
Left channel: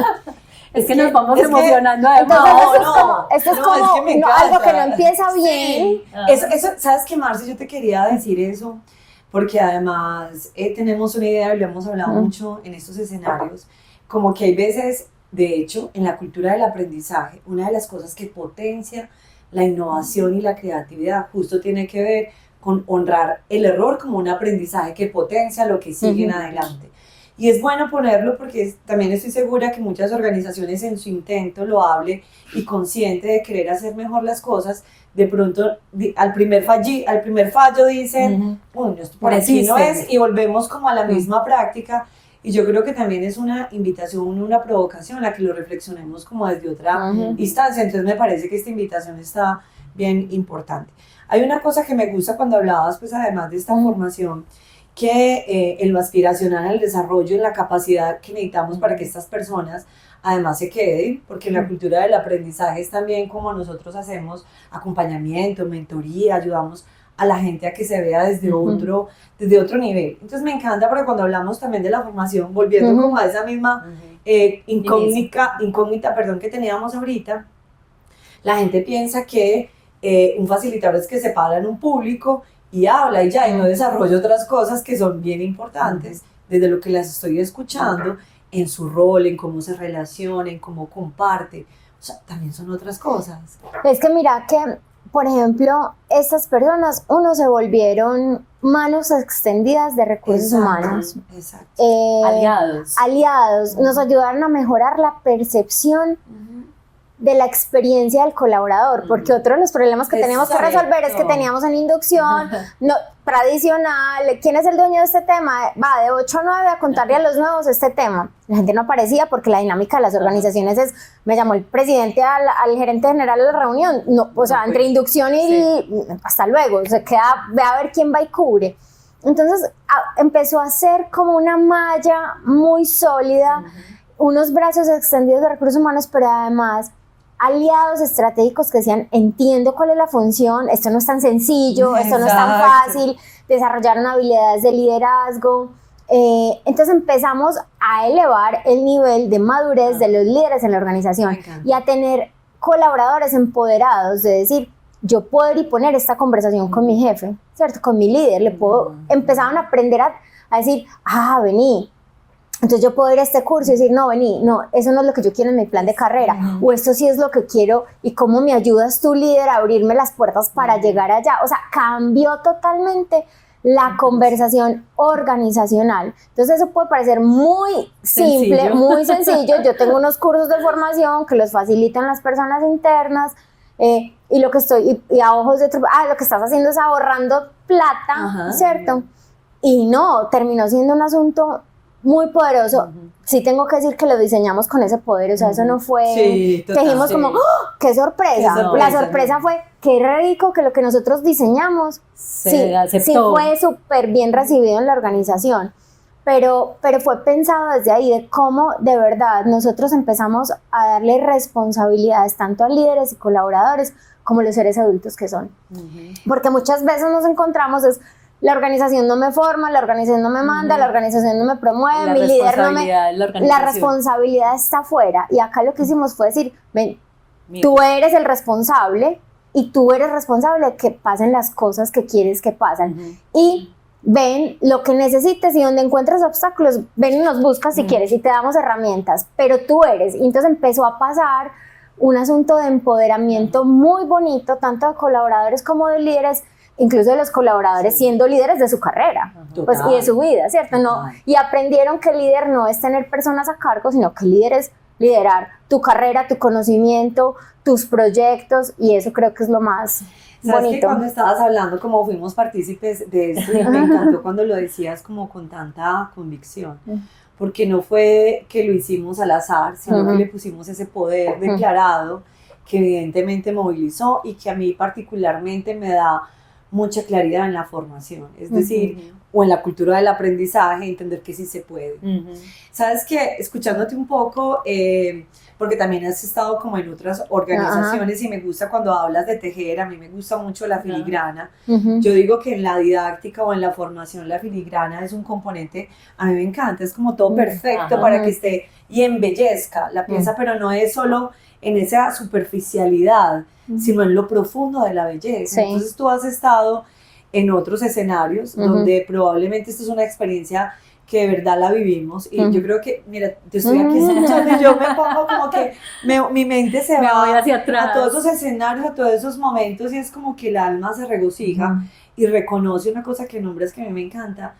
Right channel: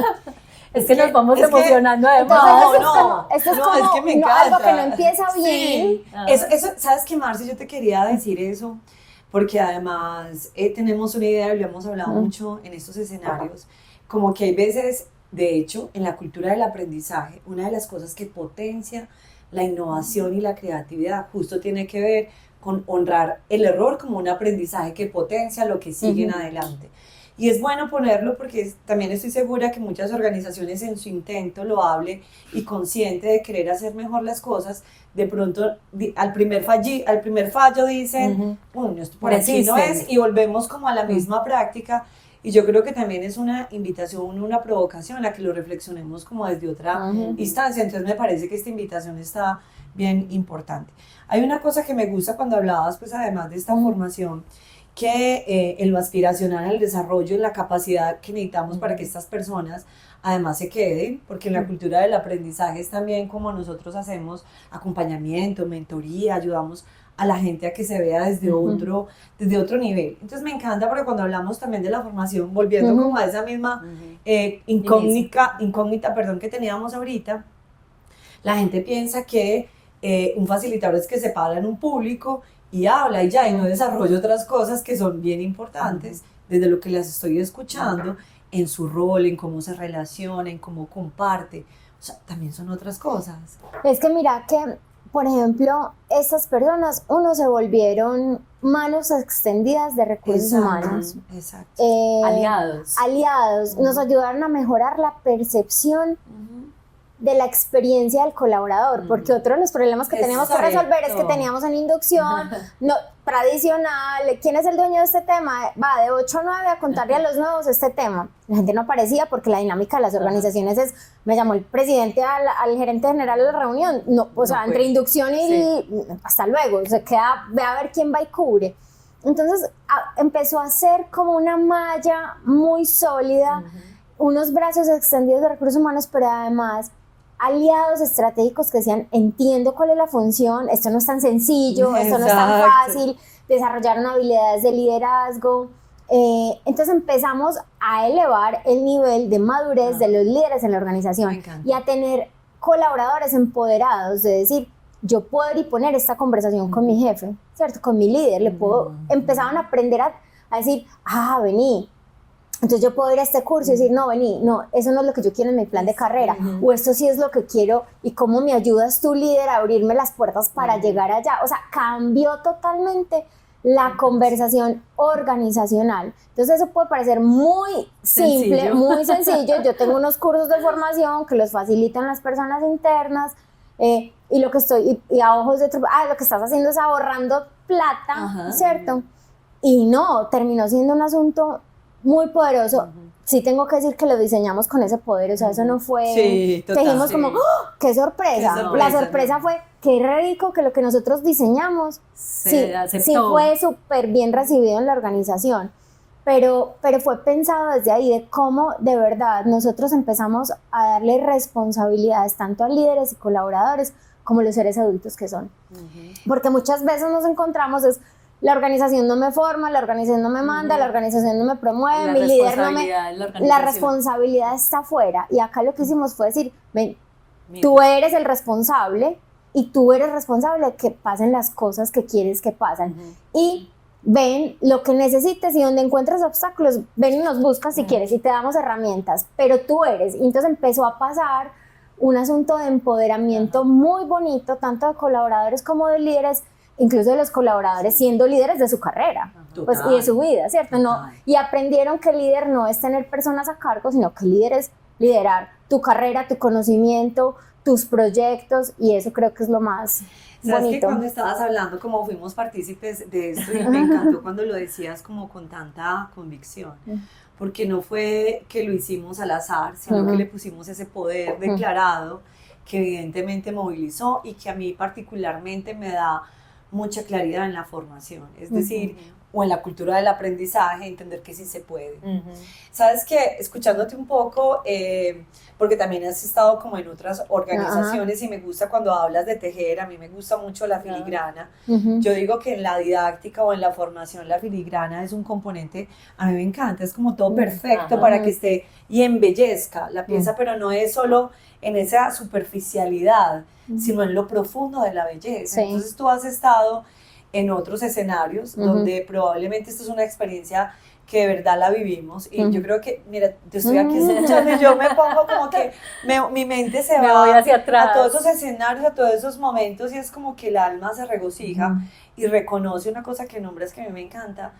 Es que nos vamos emocionando además. Esto es como es que me encanta. Algo que no empieza bien. Eso, ¿sabes qué, Marce? Yo te quería decir eso, porque además tenemos una idea, y lo hemos hablado mucho en estos escenarios, como que hay veces, de hecho, en la cultura del aprendizaje, una de las cosas que potencia la innovación y la creatividad justo tiene que ver con honrar el error como un aprendizaje que potencia lo que sigue en adelante. Y es bueno ponerlo porque también estoy segura que muchas organizaciones en su intento loable y consciente de querer hacer mejor las cosas, de pronto al primer fallo dicen, bueno, esto por aquí no es, y volvemos como a la misma práctica. Y yo creo que también es una invitación, una provocación a que lo reflexionemos como desde otra instancia. Entonces me parece que esta invitación está bien importante. Hay una cosa que me gusta cuando hablabas, pues además de esta formación, que en lo aspiracional, en el desarrollo, en la capacidad que necesitamos para que estas personas además se queden, porque en la cultura del aprendizaje es también como nosotros hacemos acompañamiento, mentoría, ayudamos a la gente a que se vea desde otro nivel. Entonces me encanta porque cuando hablamos también de la formación, volviendo como a esa misma incógnita, perdón, que teníamos ahorita, la gente piensa que un facilitador es que se para en un público y habla y ya, y no desarrolla otras cosas que son bien importantes, desde lo que las estoy escuchando, en su rol, en cómo se relaciona, en cómo comparte. O sea, también son otras cosas. Es que mira que, por ejemplo, estas personas, se volvieron manos extendidas de recursos humanos. Exacto. Aliados. Nos ayudaron a mejorar la percepción de la experiencia del colaborador, porque otro de los problemas que teníamos que resolver es que teníamos una inducción tradicional. ¿Quién es el dueño de este tema? Va de 8 a 9 a contarle a los nuevos este tema. La gente no aparecía porque la dinámica de las organizaciones es, me llamó el presidente al gerente general a la reunión, entre inducción y hasta luego, se queda, ve a ver quién va y cubre. Entonces empezó a ser como una malla muy sólida, unos brazos extendidos de recursos humanos, pero además aliados estratégicos que decían, entiendo cuál es la función, esto no es tan sencillo, esto no es tan fácil, desarrollaron habilidades de liderazgo. Entonces empezamos a elevar el nivel de madurez de los líderes en la organización y a tener colaboradores empoderados, de decir, yo puedo ir y poner esta conversación con mi jefe, ¿cierto? Con mi líder, empezaban a aprender a decir, vení. Entonces yo puedo ir a este curso y decir, no, eso no es lo que yo quiero en mi plan de carrera, o esto sí es lo que quiero, y cómo me ayudas tú, líder, a abrirme las puertas para llegar allá. O sea, cambió totalmente la conversación organizacional. Entonces eso puede parecer muy simple, muy sencillo. Yo tengo unos cursos de formación que los facilitan las personas internas, y lo que y a ojos de otro, lo que estás haciendo es ahorrando plata, ¿cierto? Y no, terminó siendo un asunto muy poderoso. Sí tengo que decir que lo diseñamos con ese poder, o sea, eso no fue que dijimos como, ¡qué sorpresa! La sorpresa fue, qué rico que lo que nosotros diseñamos sí fue súper bien recibido en la organización, pero fue pensado desde ahí, de cómo de verdad nosotros empezamos a darle responsabilidades tanto a líderes y colaboradores como los seres adultos que son, porque muchas veces nos encontramos la organización no me forma, la organización no me manda, la organización no me promueve, mi líder no me... La responsabilidad está afuera. Y acá lo que hicimos fue decir, ven, tú eres el responsable y tú eres responsable de que pasen las cosas que quieres que pasen. Y ven lo que necesites, y donde encuentres obstáculos, ven y nos buscas si quieres y te damos herramientas, pero tú eres. Y entonces empezó a pasar un asunto de empoderamiento muy bonito, tanto de colaboradores como de líderes, incluso de los colaboradores siendo líderes de su carrera y de su vida, ¿cierto? No, y aprendieron que líder no es tener personas a cargo, sino que líder es liderar tu carrera, tu conocimiento, tus proyectos, y eso creo que es lo más ¿Sabes bonito. Que cuando estabas hablando, como fuimos partícipes de esto, y me encantó cuando lo decías como con tanta convicción, porque no fue que lo hicimos al azar, sino que le pusimos ese poder declarado que evidentemente movilizó y que a mí particularmente me da mucha claridad en la formación, es decir, o en la cultura del aprendizaje, entender que sí se puede. Sabes que escuchándote un poco, porque también has estado como en otras organizaciones y me gusta cuando hablas de tejer, a mí me gusta mucho la filigrana. Yo digo que en la didáctica o en la formación la filigrana es un componente, a mí me encanta, es como todo perfecto para que esté y embellezca la pieza, pero no es solo en esa superficialidad, sino en lo profundo de la belleza. Entonces tú has estado en otros escenarios donde probablemente esto es una experiencia que de verdad la vivimos, y yo creo que, mira, te estoy aquí escuchando y yo me pongo como que mi mente se va hacia atrás a todos esos escenarios, a todos esos momentos, y es como que el alma se regocija y reconoce una cosa que nombres que a mí me encanta,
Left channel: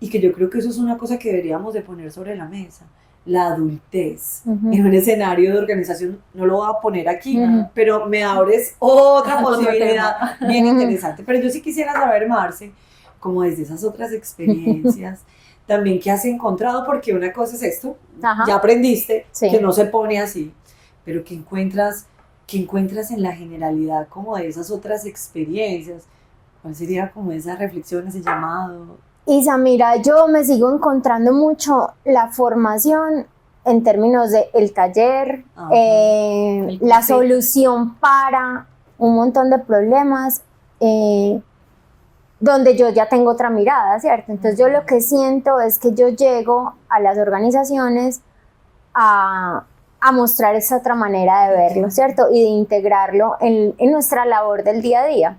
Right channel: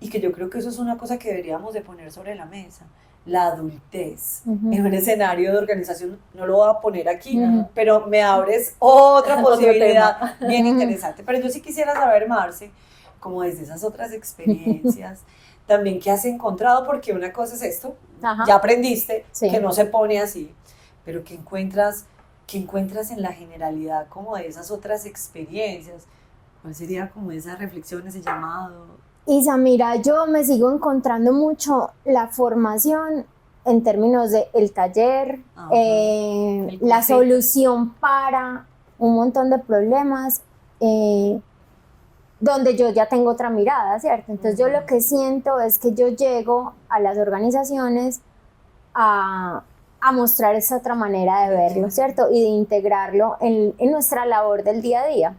y que yo creo que eso es una cosa que deberíamos de poner sobre la mesa, la adultez en un escenario de organización. No lo voy a poner aquí, pero me abres otra posibilidad bien interesante. Pero yo sí quisiera saber, Marce, como desde esas otras experiencias, también qué has encontrado, porque una cosa es esto, ya aprendiste que no se pone así, pero qué encuentras en la generalidad como de esas otras experiencias. ¿Cuál sería como esa reflexión, ese llamado? Isa, mira, yo me sigo encontrando mucho la formación en términos de el taller, la solución para un montón de problemas, donde yo ya tengo otra mirada, ¿cierto? Entonces yo lo que siento es que yo llego a las organizaciones a mostrar esa otra manera de verlo, ¿cierto? Y de integrarlo en nuestra labor del día a día.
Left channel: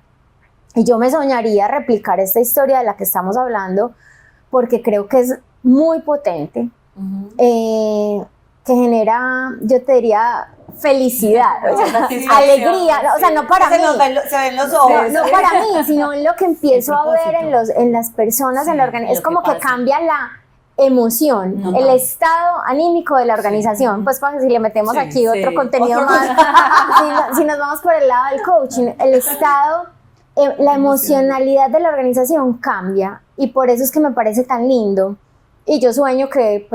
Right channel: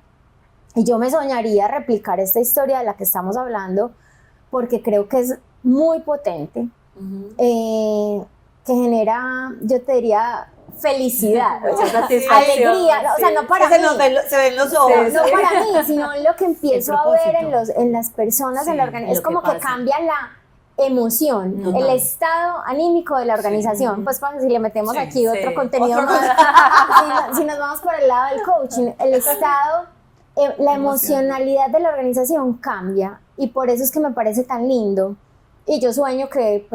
Y yo me soñaría replicar esta historia de la que estamos hablando, porque creo que es muy potente, que genera, yo te diría, felicidad, alegría, o sea, no para mí, se ven los ojos, no para mí, sino en lo que empiezo a ver en las personas, en la organización, es como que cambia la emoción, el estado anímico de la organización, pues si le metemos aquí otro contenido más, si nos vamos por el lado del coaching, el estado, la emocionalidad de la organización cambia, y por eso es que me parece tan lindo, y yo sueño que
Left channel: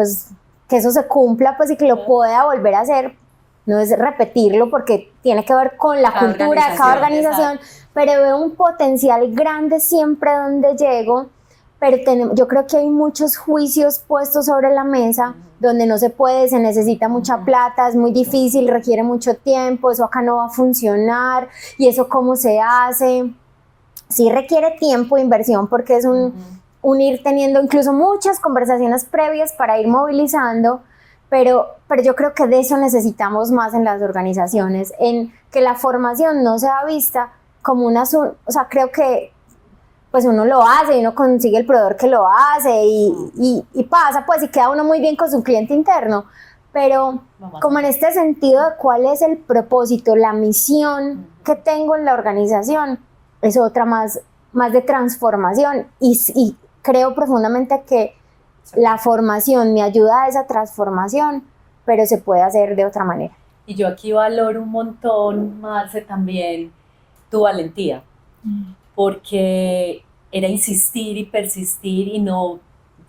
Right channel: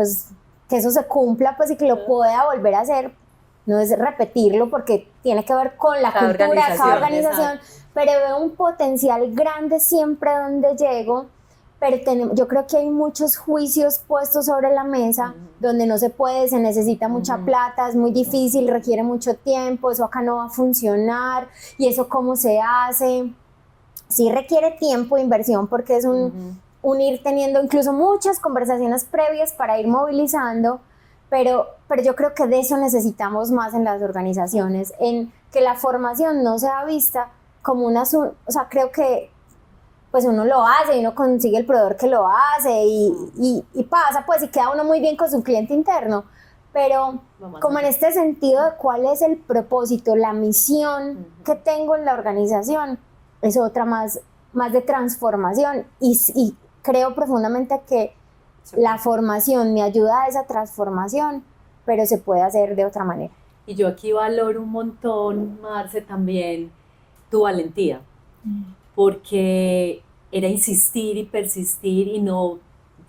eso se cumpla, pues, y que lo pueda volver a hacer. No es repetirlo porque tiene que ver con la cultura de cada organización, pero veo un potencial grande siempre donde llego, pero yo creo que hay muchos juicios puestos sobre la mesa donde no se puede, se necesita mucha plata, es muy difícil, requiere mucho tiempo, eso acá no va a un y eso cómo se hace. Sí requiere tiempo e inversión porque es un ir teniendo incluso muchas conversaciones previas para ir movilizando, pero yo creo que de eso necesitamos más en las organizaciones, en que la formación no sea vista como o sea, creo que pues uno lo hace y uno consigue el proveedor que lo hace y pasa, pues, y queda uno muy bien con su cliente interno, pero como en este sentido de cuál es el propósito, la misión que tengo en la organización, es otra más de transformación, y creo profundamente que la formación me ayuda a esa transformación, pero se puede hacer de otra manera. Y yo aquí valoro un montón, Marce, también tu valentía, porque era insistir y persistir y no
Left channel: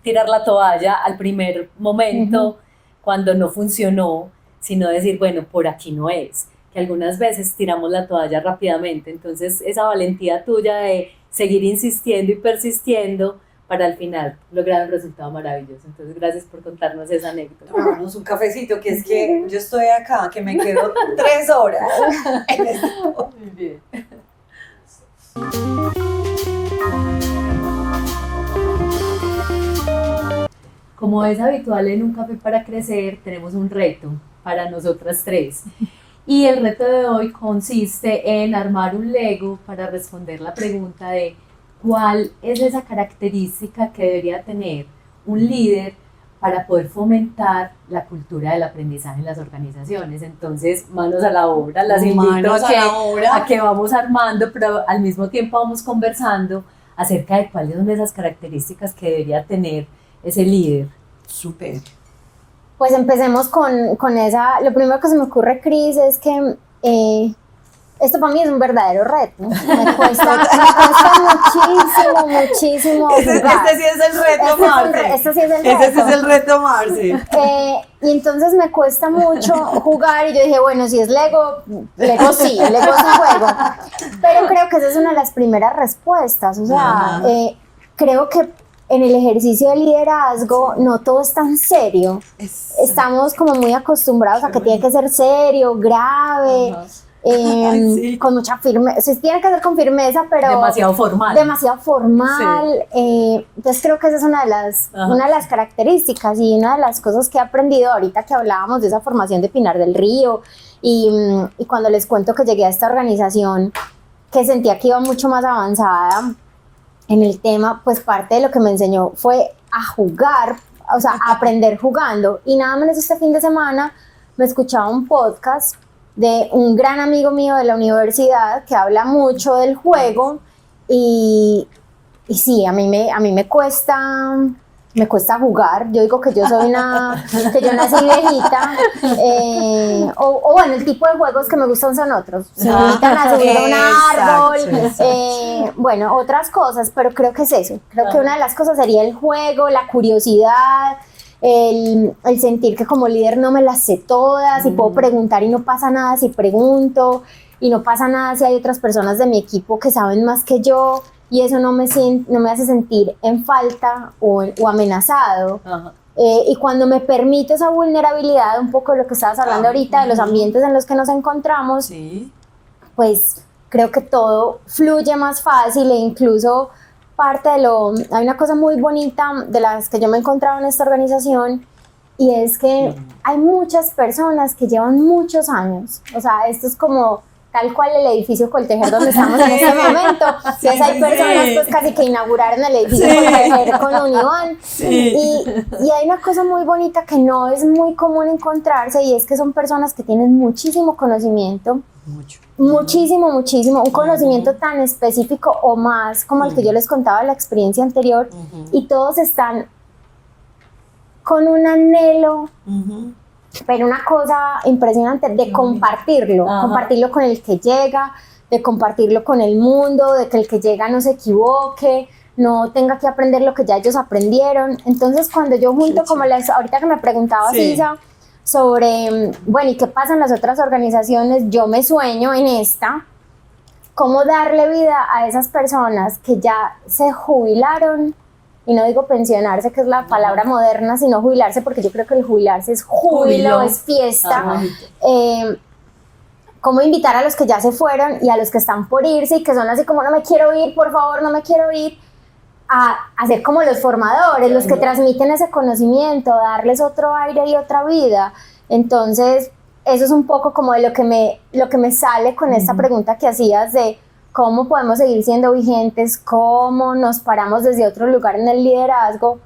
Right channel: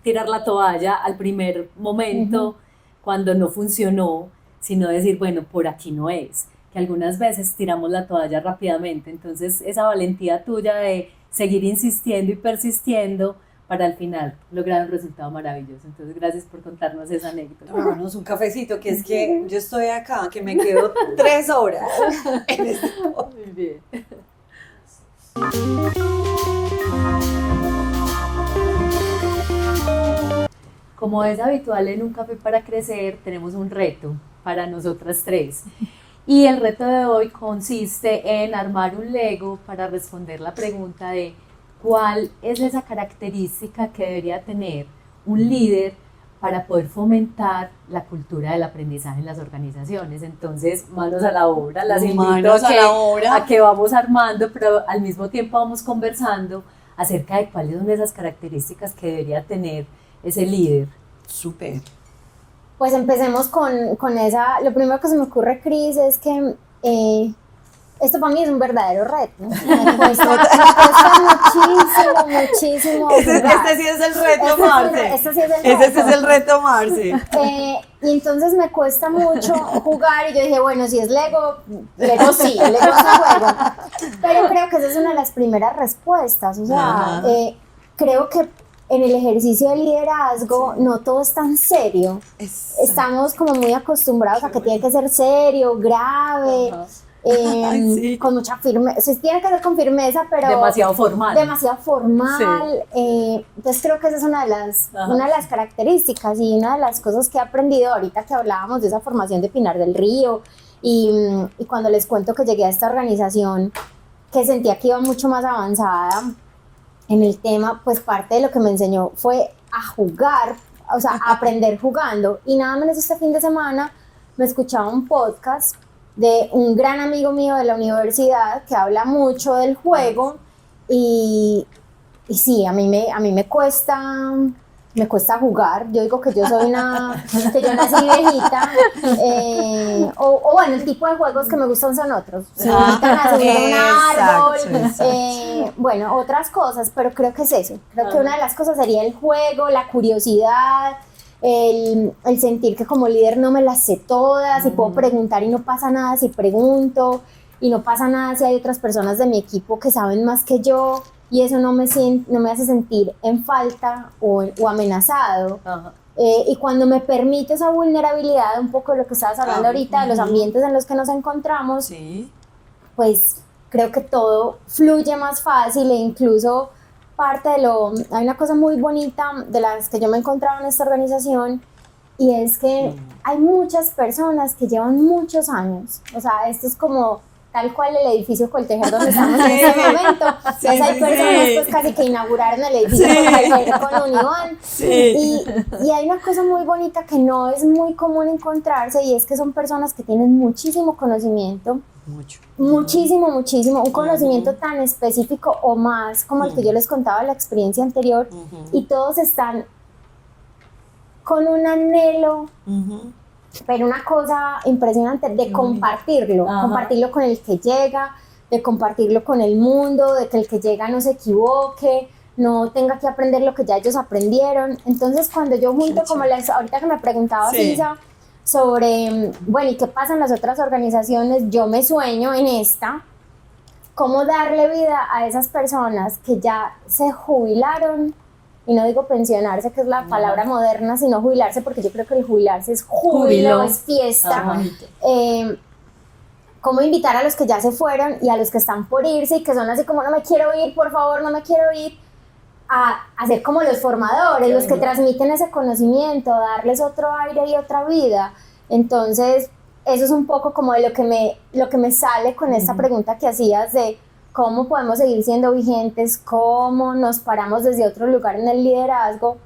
tirar la toalla al primer momento cuando no funcionó, sino decir, bueno, por aquí no es, que algunas veces tiramos la toalla rápidamente. Entonces esa valentía tuya de seguir insistiendo y persistiendo para al final lograr un resultado maravilloso. Entonces, gracias por contarnos esa anécdota. Tomémonos un cafecito, que es que yo estoy acá, que me quedo 3 horas en este podcast. Muy bien. Como es habitual en Un Café para Crecer, tenemos un reto para nosotras tres. Y el reto de hoy consiste en armar un Lego para responder la pregunta de ¿cuál es esa característica que debería tener un líder para poder fomentar la cultura del aprendizaje en las organizaciones? Entonces, manos a la obra, las invito a que vamos armando, pero al mismo tiempo vamos conversando acerca de cuáles son esas características que debería tener ese líder. Súper. Pues empecemos con esa. Lo primero que se me ocurre, Cris, es que esto para mí es un verdadero reto. Me cuesta muchísimo. Este sí es el reto, Marce. Ese sí es el reto, Marce. Y entonces me cuesta mucho jugar y yo dije, bueno, si es Lego sí, Lego es un juego. Pero creo que esa es una de las primeras respuestas. O sea, creo que en el ejercicio de liderazgo no todo es tan serio. Estamos como muy acostumbrados a que tiene que ser serio, grave. Con mucha firmeza, sí, tiene que ser con firmeza, pero demasiado formal. Sí. Entonces creo que esa es una de las características y una de las cosas que he aprendido ahorita que hablábamos de esa formación de Pinar del Río y cuando les cuento que llegué a esta organización que sentía que iba mucho más avanzada en el tema, pues parte de lo que me enseñó fue a jugar, o sea, a aprender jugando. Y nada menos este fin de semana me escuchaba un podcast de un gran amigo mío de la universidad que habla mucho del juego y sí, a mí me cuesta jugar. Yo digo que yo soy que yo nací viejita, o bueno, el tipo de juegos que me gustan son otros. Un árbol, bueno, otras cosas, pero creo que es eso. Creo que una de las cosas sería el juego, la curiosidad, el sentir que como líder no me las sé todas y puedo preguntar y no pasa nada si pregunto, y no pasa nada si hay otras personas de mi equipo que saben más que yo, y eso no me hace sentir en falta o amenazado. Y cuando me permite esa vulnerabilidad, un poco de lo que estabas hablando ahorita, de los ambientes en los que nos encontramos, pues creo que todo fluye más fácil, e incluso hay una cosa muy bonita de las que yo me he encontrado en esta organización, y es que hay muchas personas que llevan muchos años, o sea, esto es como tal cual el edificio Coltejer donde estamos en este momento, Sí, o sea, hay sí, personas sí. pues casi que inauguraron el edificio Coltejer con Unión, Sí. y hay una cosa muy bonita que no es muy común encontrarse, y es que son personas que tienen muchísimo conocimiento, Mucho. muchísimo, un conocimiento tan específico o más como el que yo les contaba de la experiencia anterior, y todos están con un anhelo, pero una cosa impresionante de compartirlo con el que llega, de compartirlo con el mundo, de que el que llega no se equivoque, no tenga que aprender lo que ya ellos aprendieron. Entonces cuando yo junto, como ahorita que me preguntaba Sisa, sobre, bueno, ¿y qué pasa en las otras organizaciones? Yo me sueño en esta, cómo darle vida a esas personas que ya se jubilaron, y no digo pensionarse, que es la palabra moderna, sino jubilarse, porque yo creo que el jubilarse es júbilo, es fiesta. Cómo invitar a los que ya se fueron y a los que están por irse y que son así como no me quiero ir, por favor, no me quiero ir, a ser como los formadores, los que transmiten ese conocimiento, darles otro aire y otra vida. Entonces, eso es un poco como de lo que me sale con esta pregunta que hacías de cómo podemos seguir siendo vigentes, cómo nos paramos desde otro lugar en el liderazgo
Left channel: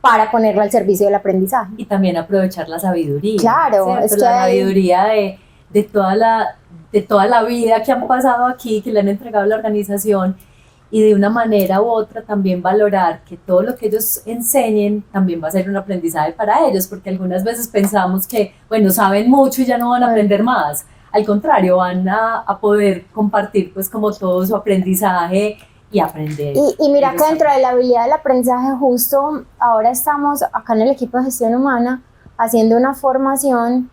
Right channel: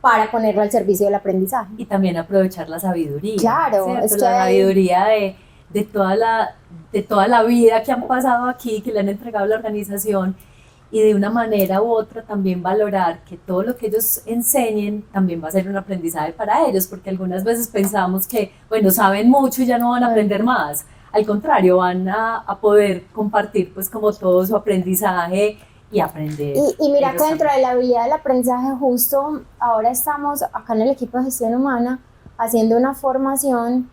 para ponerlo al servicio del aprendizaje. Y también aprovechar la sabiduría. Claro, ¿cierto? es que la sabiduría de toda la vida que han pasado aquí, que le han entregado a la organización, y de una manera u otra también valorar que todo lo que ellos enseñen también va a ser un aprendizaje para ellos, porque algunas veces pensamos que, bueno, saben mucho y ya no van a aprender más. Al contrario, van a poder compartir pues como todo su aprendizaje y aprender. Y mira que dentro de la habilidad del aprendizaje, justo ahora estamos acá en el equipo de gestión humana haciendo una formación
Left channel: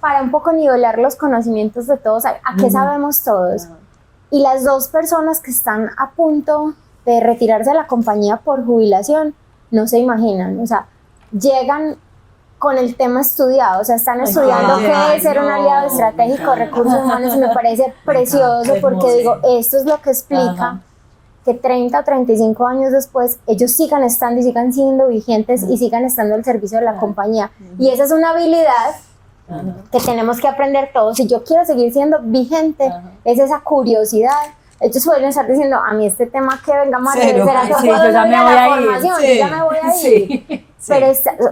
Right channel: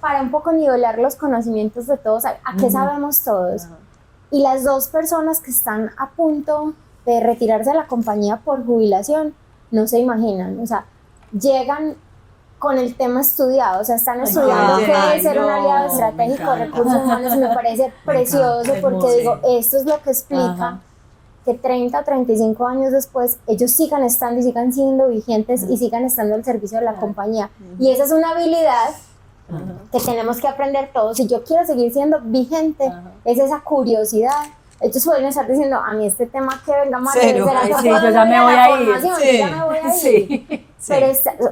para un poco nivelar los conocimientos de todos, a qué sabemos todos. Y las dos personas que están a punto de retirarse de la compañía por jubilación, no se imaginan, o sea, llegan con el tema estudiado, o sea, están estudiando qué es ser un aliado estratégico de recursos humanos, y me parece precioso porque digo, esto es lo que explica que 30 o 35 años después ellos sigan estando y sigan siendo vigentes y sigan estando al servicio de la compañía. Y esa es una habilidad que tenemos que aprender todos. Si yo quiero seguir siendo vigente, es esa curiosidad. Ellos suelen estar diciendo, a mí este tema que vengamos a hacer, yo ya me voy a ir. Pero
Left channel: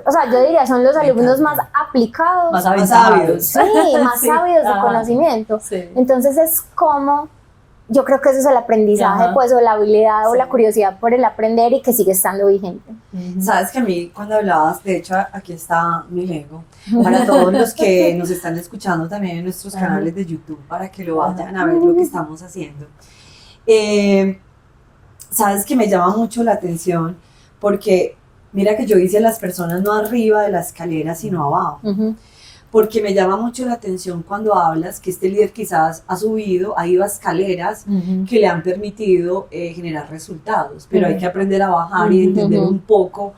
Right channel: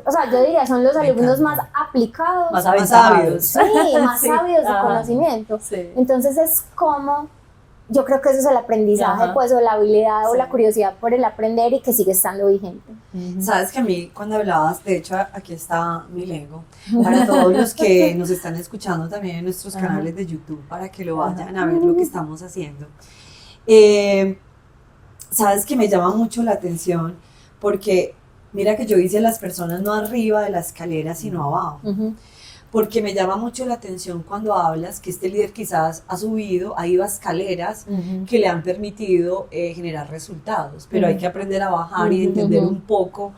o sea, yo diría, son los alumnos más aplicados, más sabios. Sí, más sabios de conocimiento. Entonces es como, yo creo que eso es el aprendizaje, pues, o la habilidad o la curiosidad por el aprender, y que sigue estando vigente. Sabes que a mí, cuando hablabas, de hecho aquí está mi Lego, para todos los que nos están escuchando también en nuestros canales de YouTube, para que lo vayan a ver lo que estamos haciendo. Sabes que me llama mucho la atención, porque mira que yo hice a las personas no arriba de la escalera, sino abajo. Porque me llama mucho la atención cuando hablas que este líder quizás ha ido a escaleras que le han permitido generar resultados, pero hay que aprender a bajar y entender un poco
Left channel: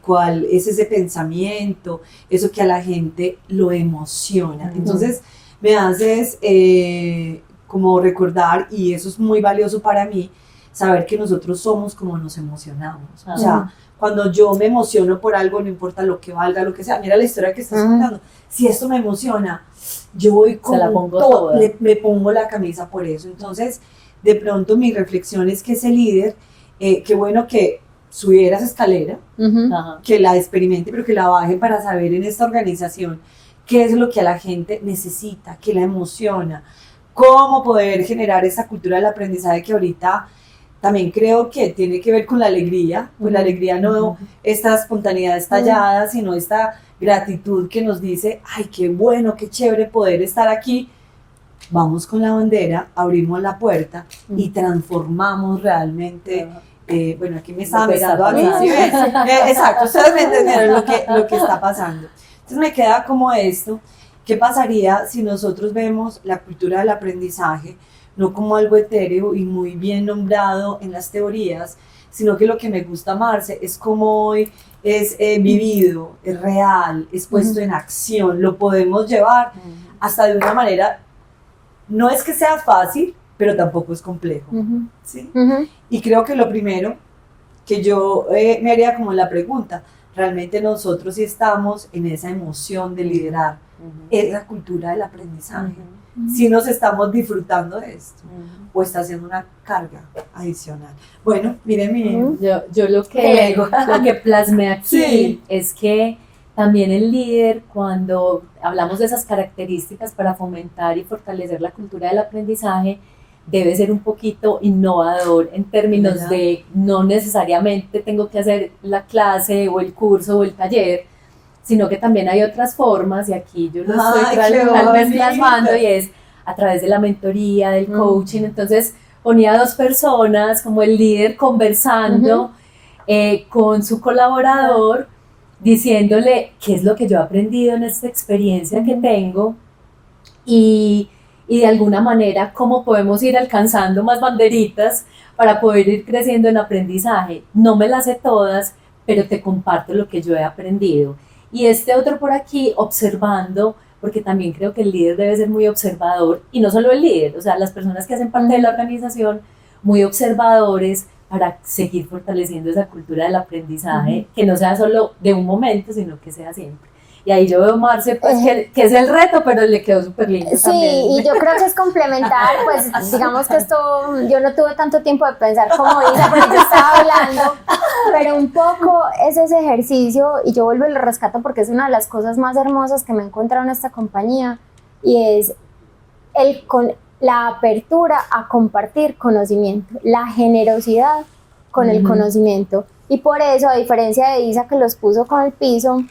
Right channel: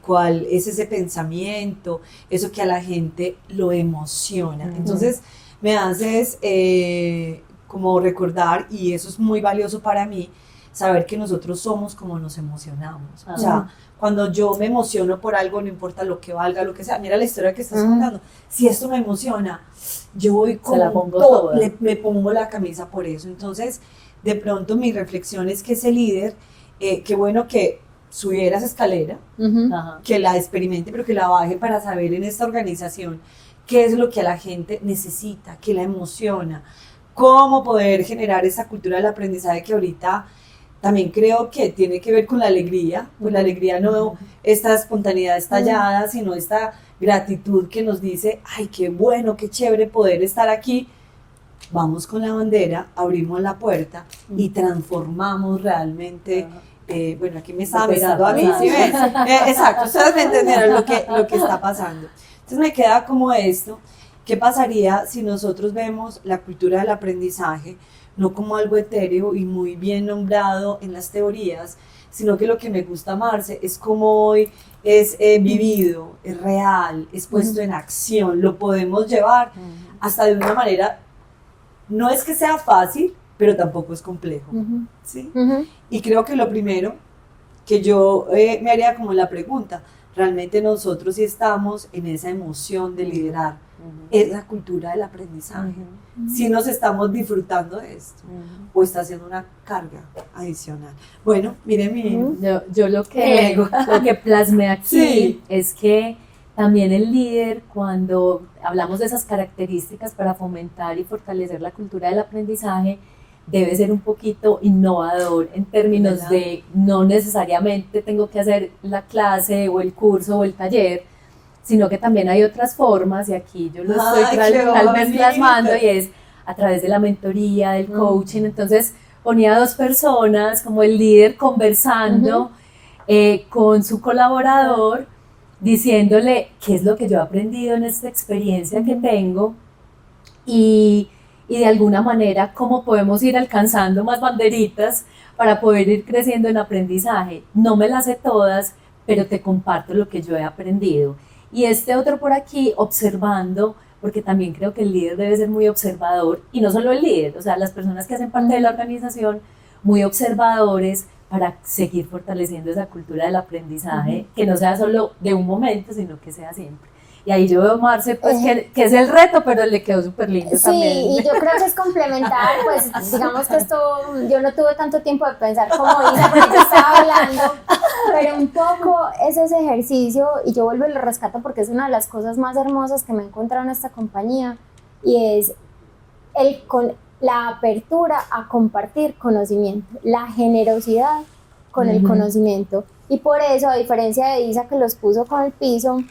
cuál es ese pensamiento, eso que a la gente lo emociona. Entonces me haces como recordar, y eso es muy valioso para mí, saber que nosotros somos como nos emocionamos. O sea, cuando yo me emociono por algo, no importa lo que valga, lo que sea, mira la historia que estás contando, si esto me emociona, yo voy con todo, me pongo la camisa por eso. Entonces, de pronto mi reflexión es que ese líder, qué bueno que subiera esa escalera, que la experimente, pero que la baje para saber en esta organización qué es lo que a la gente necesita, qué la emociona, cómo poder generar esa cultura del aprendizaje que ahorita también creo que tiene que ver con la alegría, pues la alegría no esta espontaneidad estallada, sino esta gratitud que nos dice, ay, qué bueno, qué chévere poder estar aquí. Vamos con la bandera, abrimos la puerta y transformamos realmente. Bueno, aquí me estaba mirando a mí, ¿sí ven? Exacto, ustedes me entendieron lo que está pasando. Entonces me queda como esto, ¿qué pasaría si nosotros vemos la cultura del aprendizaje no como algo etéreo y muy bien nombrado en las teorías, sino que lo que me gusta, Marce, es como hoy es vivido, es real, es puesto en acción, lo podemos llevar hasta de una manera, no es que sea fácil, pero tampoco es complejo, Ujú. ¿sí? Ujú. Y creo que lo primero que yo me haría como la pregunta, realmente nosotros sí estamos en esa emoción de liderar, esa cultura del aprendizaje, si nos estamos disfrutando de esto, o está siendo una carga adicional. Bueno, miren mi... Ujú. Yo lo El que, ego. lo que plasmé aquí Sí. es que también el líder, cuando hablamos de esas características para fomentar y fortalecer la cultura del aprendizaje, debe ser un poquito innovador en términos ¿Verdad? de no necesariamente tengo que hacer la clase o el curso o el taller, sino que también hay otras formas, y aquí yo lo estoy Ay, tal qué vez bonito. plasmando, y es a través de la mentoría, del coaching. Entonces ponía a 2 personas como el líder conversando con su colaborador, diciéndole qué es lo que yo he aprendido en esta experiencia que tengo, y de alguna manera cómo podemos ir alcanzando más banderitas para poder ir creciendo en aprendizaje. No me las sé todas, pero te comparto lo que yo he aprendido. Y este otro por aquí, observando, porque también creo que el líder debe ser muy observador, y no solo el líder, o sea, las personas que hacen parte de la organización, muy observadores para seguir fortaleciendo esa cultura del aprendizaje, que no sea solo de un momento, sino que sea siempre. Y ahí yo veo a Marce, pues, que es el reto, pero le quedó súper lindo Sí, también. y yo creo que es complementar, pues digamos que esto, yo no tuve tanto tiempo de pensar como Isa, porque yo estaba hablando, pero un poco es ese ejercicio, y yo vuelvo y lo rescato porque es una de las cosas más hermosas que me he encontrado en esta compañía, y es con la apertura a compartir conocimiento, la generosidad con el conocimiento. Y por eso, a diferencia de Isa que los puso con el piso,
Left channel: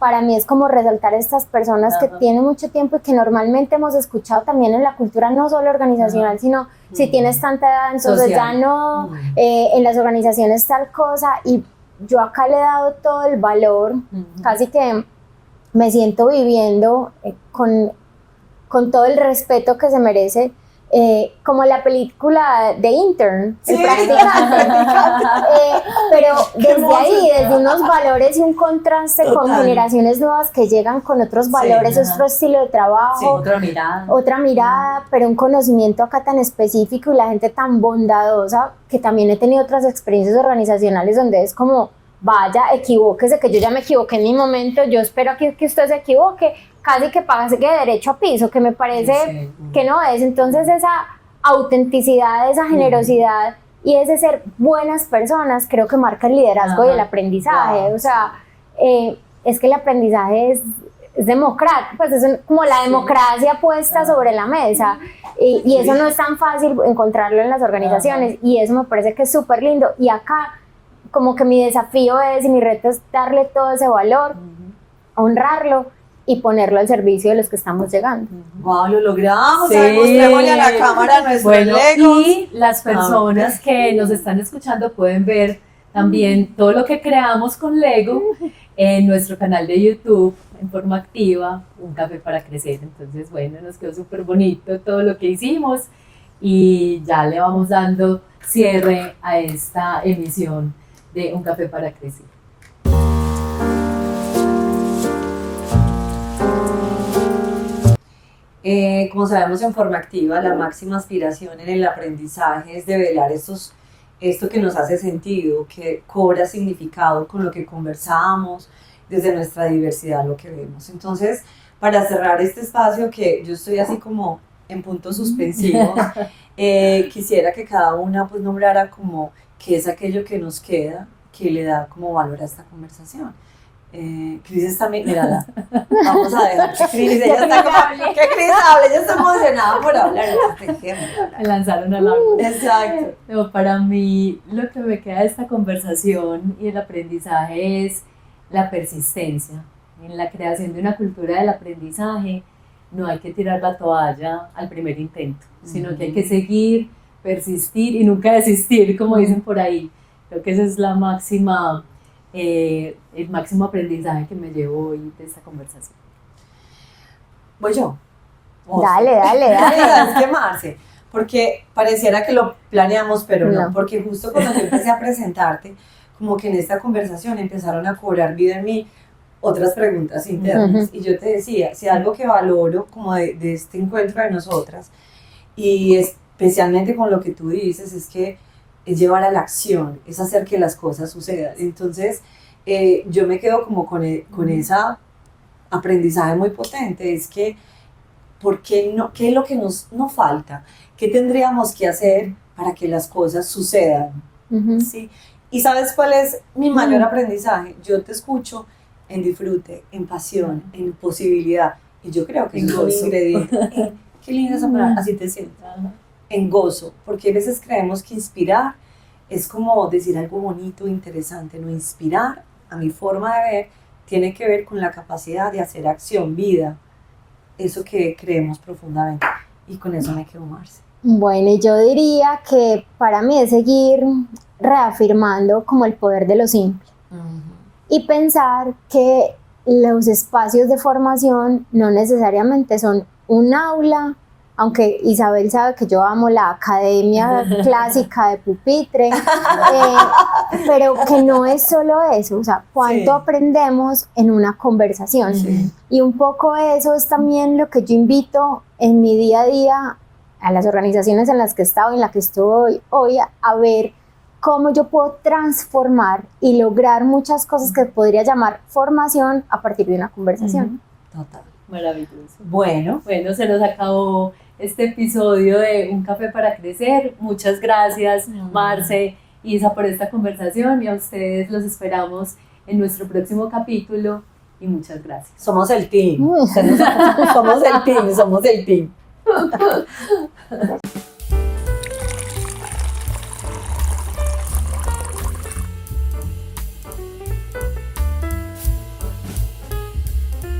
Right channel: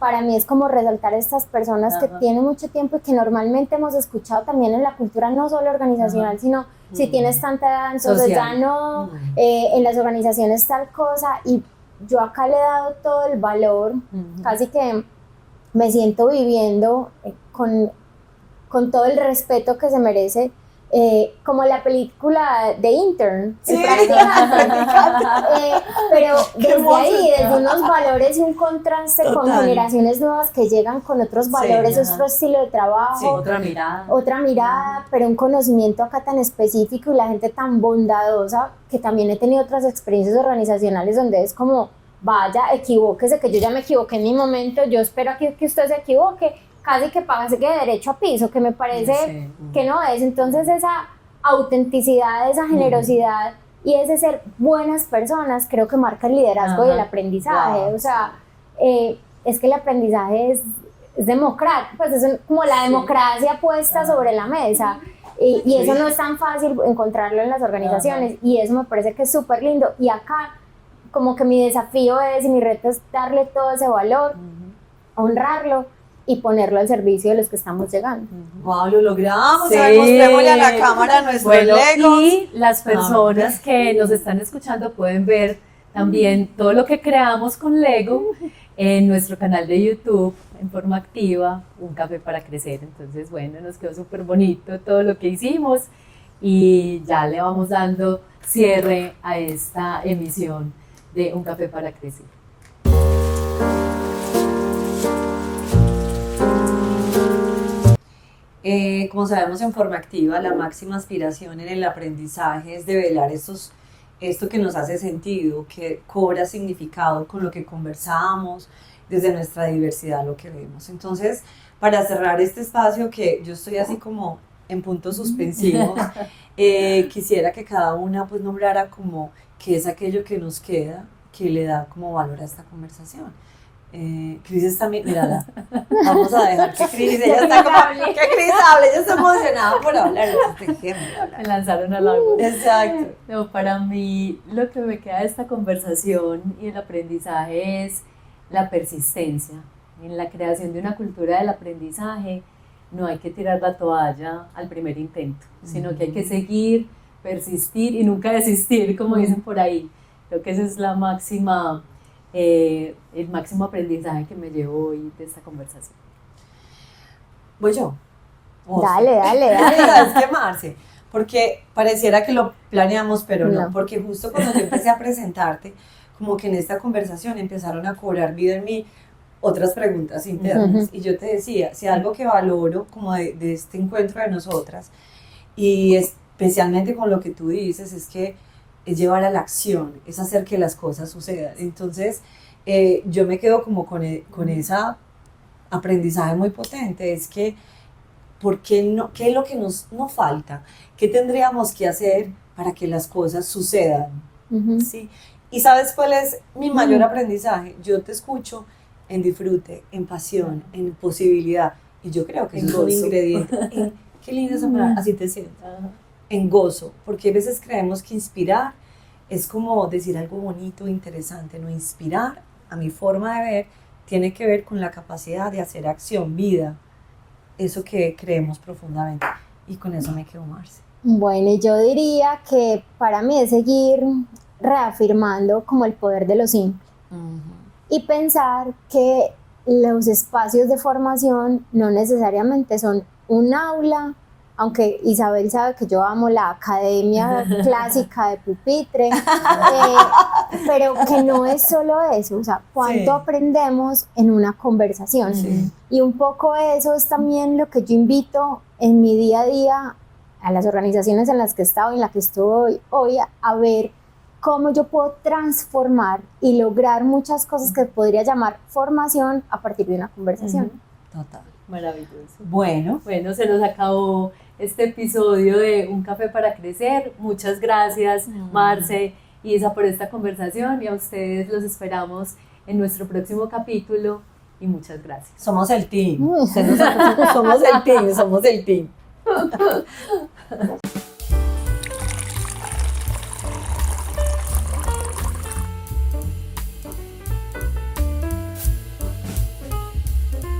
para mí es como resaltar a estas personas que tienen mucho tiempo y que normalmente hemos escuchado también en la cultura, no solo organizacional, sino si tienes tanta edad, entonces Social. ya no, en las organizaciones tal cosa, y yo acá le he dado todo el valor, casi que me siento viviendo con todo el respeto que se merece, como la película de Intern, Sí. el practicante. Pero Qué desde hermoso. ahí, desde unos valores y un contraste con Total. generaciones nuevas que llegan con otros valores, ajá. otro estilo de trabajo, Sí. Otra mirada. pero un conocimiento acá tan específico y la gente tan bondadosa, que también he tenido otras experiencias organizacionales donde es como, vaya, equivóquese, que yo ya me equivoqué en mi momento, yo espero que usted se equivoque, casi que pase que derecho a piso, que me parece que no es. Entonces esa autenticidad, esa generosidad y ese ser buenas personas creo que marca el liderazgo y el aprendizaje. Wow. O sea, es que el aprendizaje es democrático, pues es como la democracia puesta sobre la mesa, y eso no es tan fácil encontrarlo en las organizaciones, y eso me parece que es súper lindo. Y acá como que mi desafío es, y mi reto es darle todo ese valor, honrarlo y ponerlo al servicio de los que estamos llegando. Wow, lo logramos. Sí. A ver, mostrémosle a la cámara nuestros Bueno, legos. y las personas que nos están escuchando pueden ver también todo lo que creamos con Lego en nuestro canal de YouTube en forma activa, Un Café para Crecer. Entonces, bueno, nos quedó súper bonito todo lo que hicimos, y ya le vamos dando cierre a esta emisión de Un Café para Crecer. Como sabemos, en forma activa, la máxima aspiración en el aprendizaje es develar esto que nos hace sentido, que cobra significado con lo que conversamos, desde nuestra diversidad, lo que vemos. Entonces, para cerrar este espacio, que yo estoy así como en puntos suspensivos, quisiera que cada una pues nombrara como qué es aquello que nos queda, que le da como valor a esta conversación. Cris está, mírala, vamos a dejar que Cris, ella está como, que Cris hable, ella está emocionada por hablar, Me lanzaron al árbol. Exacto. No, para mí lo que me queda de esta conversación y el aprendizaje es la persistencia. En la creación de una cultura del aprendizaje no hay que tirar la toalla al primer intento, sino que hay que seguir, persistir y nunca desistir, como dicen por ahí. Creo que esa es la máxima, el máximo aprendizaje que me llevo hoy de esta conversación. Voy yo. Dale. ¿Sabes qué, Marce? Porque pareciera que lo planeamos, pero no, porque justo cuando yo empecé a presentarte, como que en esta conversación empezaron a cobrar vida en mí otras preguntas internas, y yo te decía, si algo que valoro como de este encuentro de nosotras, y es especialmente con lo que tú dices, es que es llevar a la acción, es hacer que las cosas sucedan. Entonces, yo me quedo como con ese aprendizaje muy potente, es que, ¿por qué no? ¿Qué es lo que nos falta? ¿Qué tendríamos que hacer para que las cosas sucedan? ¿Sí? ¿Y sabes cuál es mi mayor aprendizaje? Yo te escucho en disfrute, en pasión, en posibilidad, y yo creo que eso es un ingrediente. Qué linda esa palabra, así te siento. En gozo, porque a veces creemos que inspirar es como decir algo bonito, interesante, no, inspirar, a mi forma de ver, tiene que ver con la capacidad de hacer acción, vida, eso que creemos profundamente, y con eso me quedo, Marce. Bueno, y yo diría que para mí es seguir reafirmando como el poder de lo simple y pensar que los espacios de formación no necesariamente son un aula, aunque Isabel sabe que yo amo la academia clásica de pupitre, pero que no es solo eso, o sea, cuánto aprendemos en una conversación. Y un poco eso es también lo que yo invito en mi día a día a las organizaciones en las que he estado y en las que estoy hoy, a ver cómo yo puedo transformar y lograr muchas cosas que podría llamar formación a partir de una conversación. Total. Maravilloso. Bueno, se nos acabó este episodio de Un Café para Crecer. Muchas gracias, Marce, Isa, por esta conversación, y a ustedes los esperamos en nuestro próximo capítulo, y muchas gracias. somos el team. Somos el team.